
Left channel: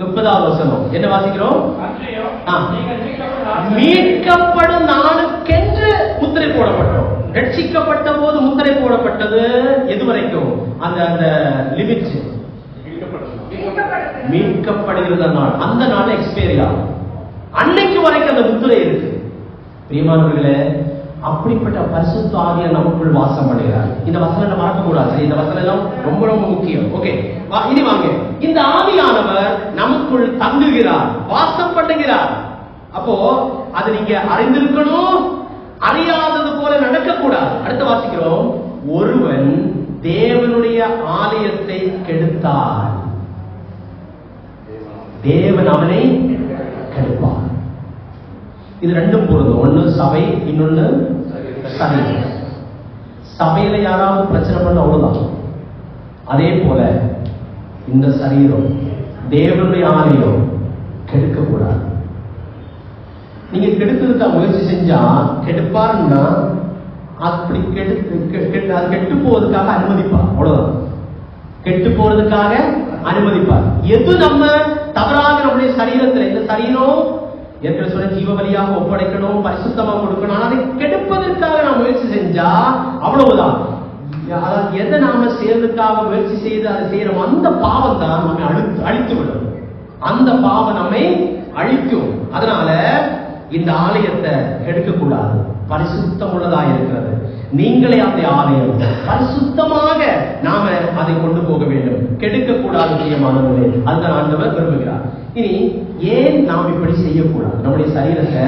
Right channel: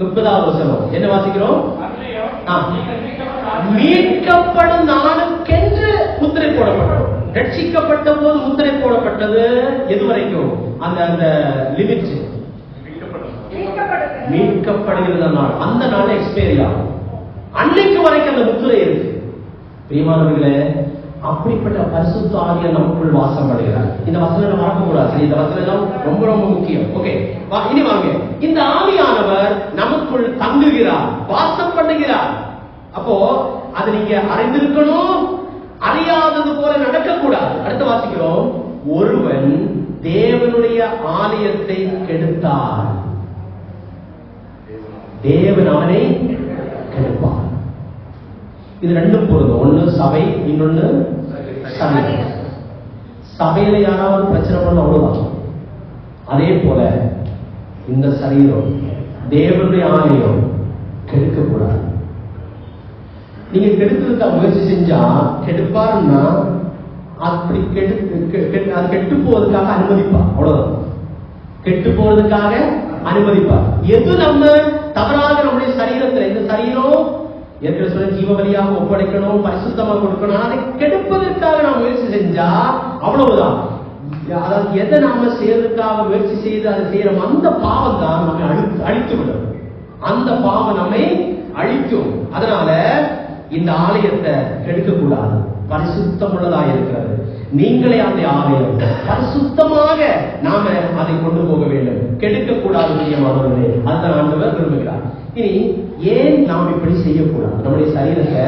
30வது வசனம். என்ன வாசிக்கிறோம்? மீட்கப்படும் நாளுக்கென்று முத்திரை போடப்பட்டோம். ரட்சிக்கப்பட்ட போது முத்திரை போடப்பட்டது எது வரைக்கும்? அந்த லிமிட். மீட்கப்படுகிற நாள், அந்த நாள் எக்ஸ்பைரி ஆகும். அன்னைக்கு வரைக்கும் அந்த முத்திரை இருக்கு. பிரியமானவர்களே, அப்படிப்பட்ட பரிசுத்த ஆவியானவர் நமக்குள் வாசம் பண்ணுகிறார். இந்த வசனம் மறக்க கூடாது. இந்த வசனம் ரொம்ப ரொம்ப முக்கியம். ஓகே, இனி வாங்க. இந்த ஆவியானவர் நமக்குள் தங்குகிறார், வாசம் பண்ணுகிறார். அப்போ அது நீங்க அறிந்திருக்கணும், அறியாதது போல நடக்கக்கூடாது. அடுத்து வாசிக்கிறோம், ஒருவன் தேவனுடைய ஆலயத்தை கெடுத்தார், தேவன் அவனை கெடுப்பார். இது ரெண்டும் பொருந்தும். ஒன்னு சபை, இன்னொன்னு சரீரம். சபையில யாராவது பிரச்சனை பண்ண அவ்வளவுதான். அதே போல இந்த சரீரம், தேவனுடைய ஆலயம் கெடுக்கக்கூடாது. நீங்க கெடுக்கிறதுக்கு முயற்சி செஞ்சா கெடுப்பாருன்னா அப்படி அது கெட்டு போவதற்காக அனுமதிப்பார். அவ்வளவுதான், கெட்டு போறதுக்காக அனுமதிப்பார். எது நம்ம தவறாக நம்முடைய சரீரத்தில், இந்த சரீரம் ஏற்கனவே சொல்ல ஜீவ வழியாக ஒப்படைக்கணும், பரிசுத்தமாக கொடுக்கணும். அதை கெடுப்பதற்காக நாம் முயற்சி செஞ்சா அவ்வளவுதான். அதாவது எதை நாம செய்யறதுக்காக முயற்சி செய்து அதை செய்யறோம், அந்த பாவம் தான் நம்மை அழித்து விடும். அந்த பாவம் நம்மை அழிக்கும். அதனால இந்த ஆலயத்தை கெடுக்கக்கூடாது, பரிசுத்தம் உள்ளதாக இருக்கிறது. நீங்களே அந்த ஆலயம் பரிசுத்தமாக நாம அதை கொண்டு போக வேண்டும், கெடுக்கக்கூடாது. பிரியமானவர்களே, அதுதான் ஆண்டவர் விரும்புகிறார். இனி ஏன் நாம் இப்படி செய்யக்கூடாது, நம்முடைய சரீரத்தை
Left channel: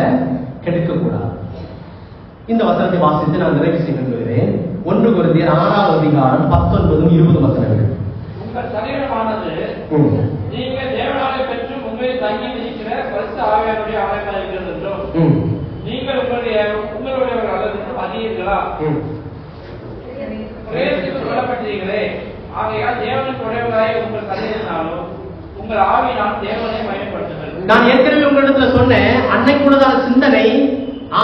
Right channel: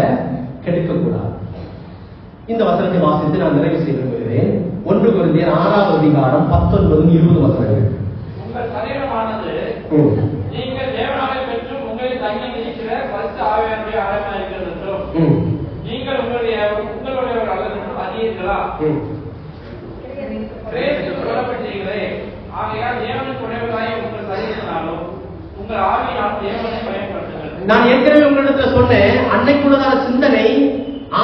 கெடுக்கக்கூடாது? இந்த வசனத்தை வாசித்து நான் நிறைவு செய்ய விரும்புகிறேன். 1 கொரிந்தியர் 6வது அதிகாரம் 19, 20 வசனங்கள். உங்கள் சரீரமானது நீங்கள் தேவனாலே பெற்று உங்களை தங்கி இருக்கிற பரிசுத்த ஆவியானவருடைய ஆலயமாக இருக்கிறது என்றும், நீங்கள் உங்களுடையவர் அல்லது அறியீர்களா? கிரேத்துக்கு சொல்லப்பட்டீர்களே, ஆகையால் தேவனுக்கு உடையவராய் உங்கள் சரீரத்தினாலும் உங்கள் ஆவியினால் தேவனை பயன்படுத்துங்கள். நான் ஏற்கனவே உங்களிடத்துல சொன்னேன், அன்னைக்குள்ளதான சிந்தனை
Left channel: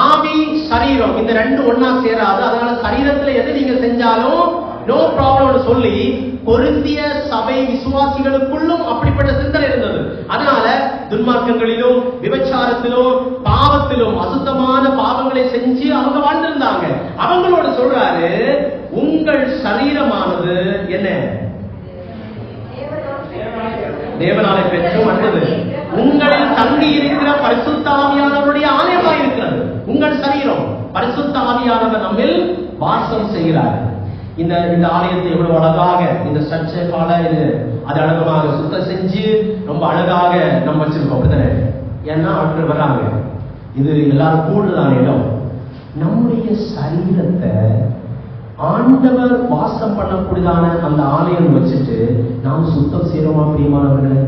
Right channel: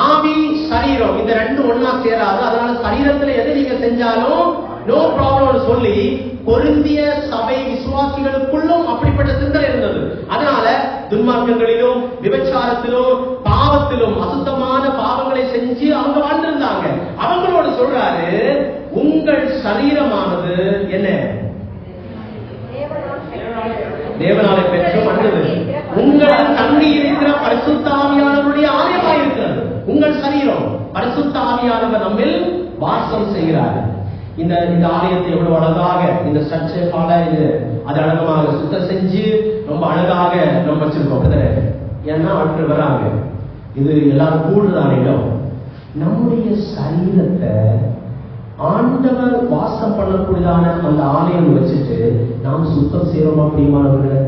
ஆவி சரீரம் இந்த ரெண்டும் ஒன்னா சேராது. அதனால சரீரத்துல எது நீங்க செஞ்சாலும் நோ ப்ராப்ளம் சொல்லி கொரிந்திய சபை விசுவாசிகளுக்குள்ளும் அப்படிப்பட்ட சிந்தனை இருந்தது. அதனால துன்மார்க்கங்களிலும் விபச்சாரத்திலும் பாவத்திலும் அசுத்தமான பாவங்களை செஞ்சு அவங்க வாழ்ந்திருந்தாங்க. அவங்களோட சொல்றாரு, உங்கள் சரீரமானது என்ன? தேவனாலே பெற்று வந்தது, உங்களில் தங்கி இருக்கிற பரிசுத்த ஆவியானவருடைய ஆலயமாக இருக்கிறது. உங்கள் சரீரம் பரிசுத்த ஆவியானவர் நம்மில் வாசம் செய்கிறார். இந்த ஆலயத்தை எவ்வளவு அழகாக இந்த சர்ச்சை கால இது அது அழகமாக சுத்தம் செஞ்சு ரொம்ப அழகாக நம்ம வச்சிருக்கோம். ஏன்னா அவர்கள் வராங்க, இது எல்லாரும் கூடுதலான இடம். நம்முடைய சரீரத்தை ஆண்டவர் வாசம் பண்ணக்கூடியதான அந்த ஆலயம் வச்சுட்டு நாம் சுத்தம் செய்யறோமா பிரியமானவர்களே?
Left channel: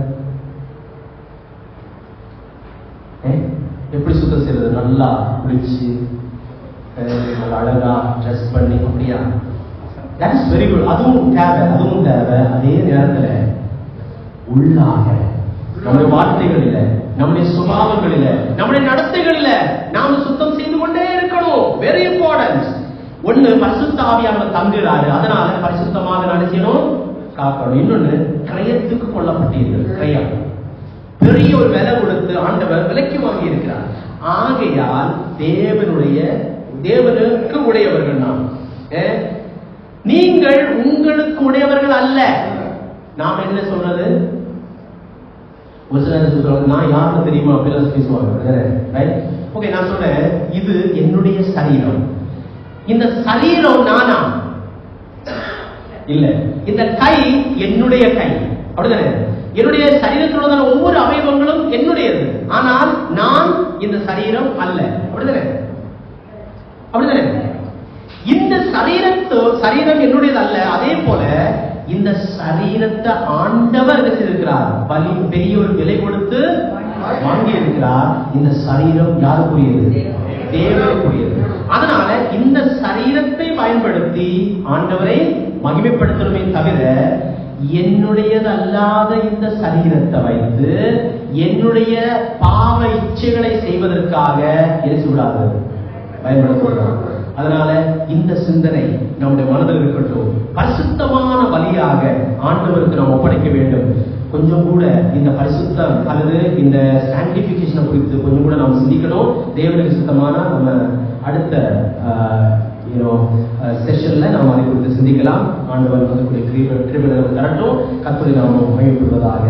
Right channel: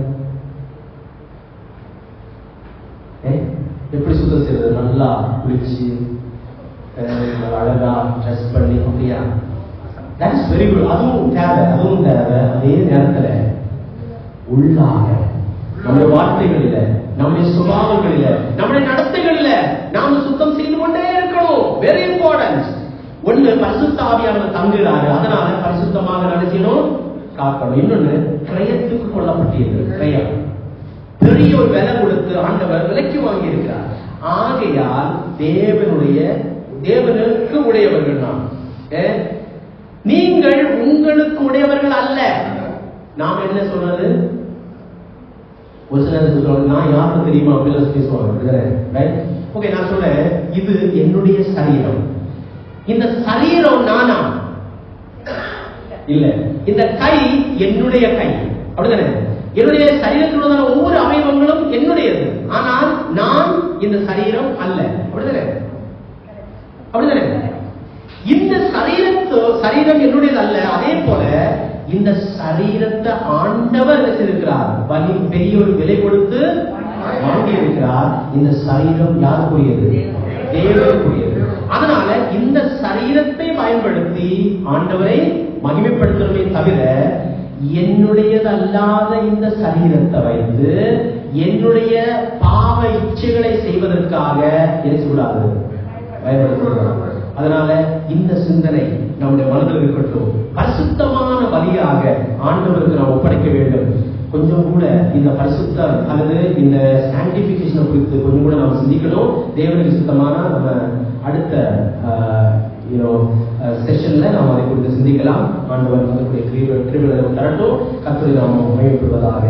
எப்படி சுத்தம் செய்யறது? நல்லா குளிச்சு அழகா ட்ரெஸ் பண்ணி அப்படியா? That is very good. அதுவும் தேவை. அதே நேரத்துல உள்ளாக நம்முடைய வார்த்தைகளில, நம்முடைய சுபாவங்களில, நம்முடைய நடத்தைகளில நாம சுத்தம் செய்து கொண்டே இருக்கணும். Very important. ஒண்ணு, பரிசுத்த ஆவியானவர் தங்குகிறாரு, அதனால பரிசுத்தமாக நினைக்கணும், காக்கணும். இன்னொன்னு, கிரயத்துக்கு கொல்லப்பட்டிருக்கு. கிரயம் பெரிய ஒரு விலை கொடுத்து ஆண்டவர் விலைக்கு வாங்கி இருக்கிறார். ஆகையால் தேவனுக்கு உடையவர்கள் நாம். நீங்கள் உங்களுக்கு உடையவர்கள் அல்ல. நாம் என்ன சொல்றது? ஒரு சிலர் நான் யாருன்னு தெரியுமா அப்படிலாம் பேசுவாங்க. ஓகே, நான் சொல்றேன், இது என்னுடைய சரீரம். இந்த சரீரம் நானா? இல்ல. இந்த கை என்னுடைய கை, அப்படிதானே? என்னுடைய சரீரத்தில் உள்ளதான ஒவ்வொரு அவயவங்களும் என்னுடையது. ஆனால் நான் இந்த சரீரம் அல்ல, அப்படிதானே? இந்த சரீரம் என்னுடையது அல்ல. அதே போல இந்த சரீரத்தை ஆண்டவர் என்ன செய்திருக்கிறார்? பெரிய ஒரு விலை கொடுத்து வாங்கி இருக்கிறார். இந்த சரீரம் யாருக்குரியது? தேவனுக்குரியது. அதனால இந்த சரீரத்தை பயன்படுத்தி ஆண்டவரை மகிமைப்படுத்தணுமே தவிர, என்னுடையதல்லாத இந்த சரீரத்தை வைத்து என்னுடைய பாவ இச்சைகளை செய்வதற்காக என்ன செய்யக்கூடாது? பயன்படுத்தக்கூடாது. அதனால இந்த சிந்தனை நம்முடைய மனதில் இருக்கட்டும். பரிசுத்தமான பலியாக ஆண்டவருக்கு நாம் ஒப்படைக்க வேண்டும். கொஞ்சம் கூட இந்த பரிசுத்தம் அல்லது இந்த சாங்டிபிகேஷனை குறித்து கொஞ்சம் கூட நாம் சிந்திக்கணும். தேவனுக்கு சுத்தமான நம்ம அடுத்த செஷன்ல நாம் அதை குறித்து சிந்திக்கலாம். ஆண்டவர் கிருபையை தரட்டும். கர்த்தரை நாம் மகிமைப்படுவதாக.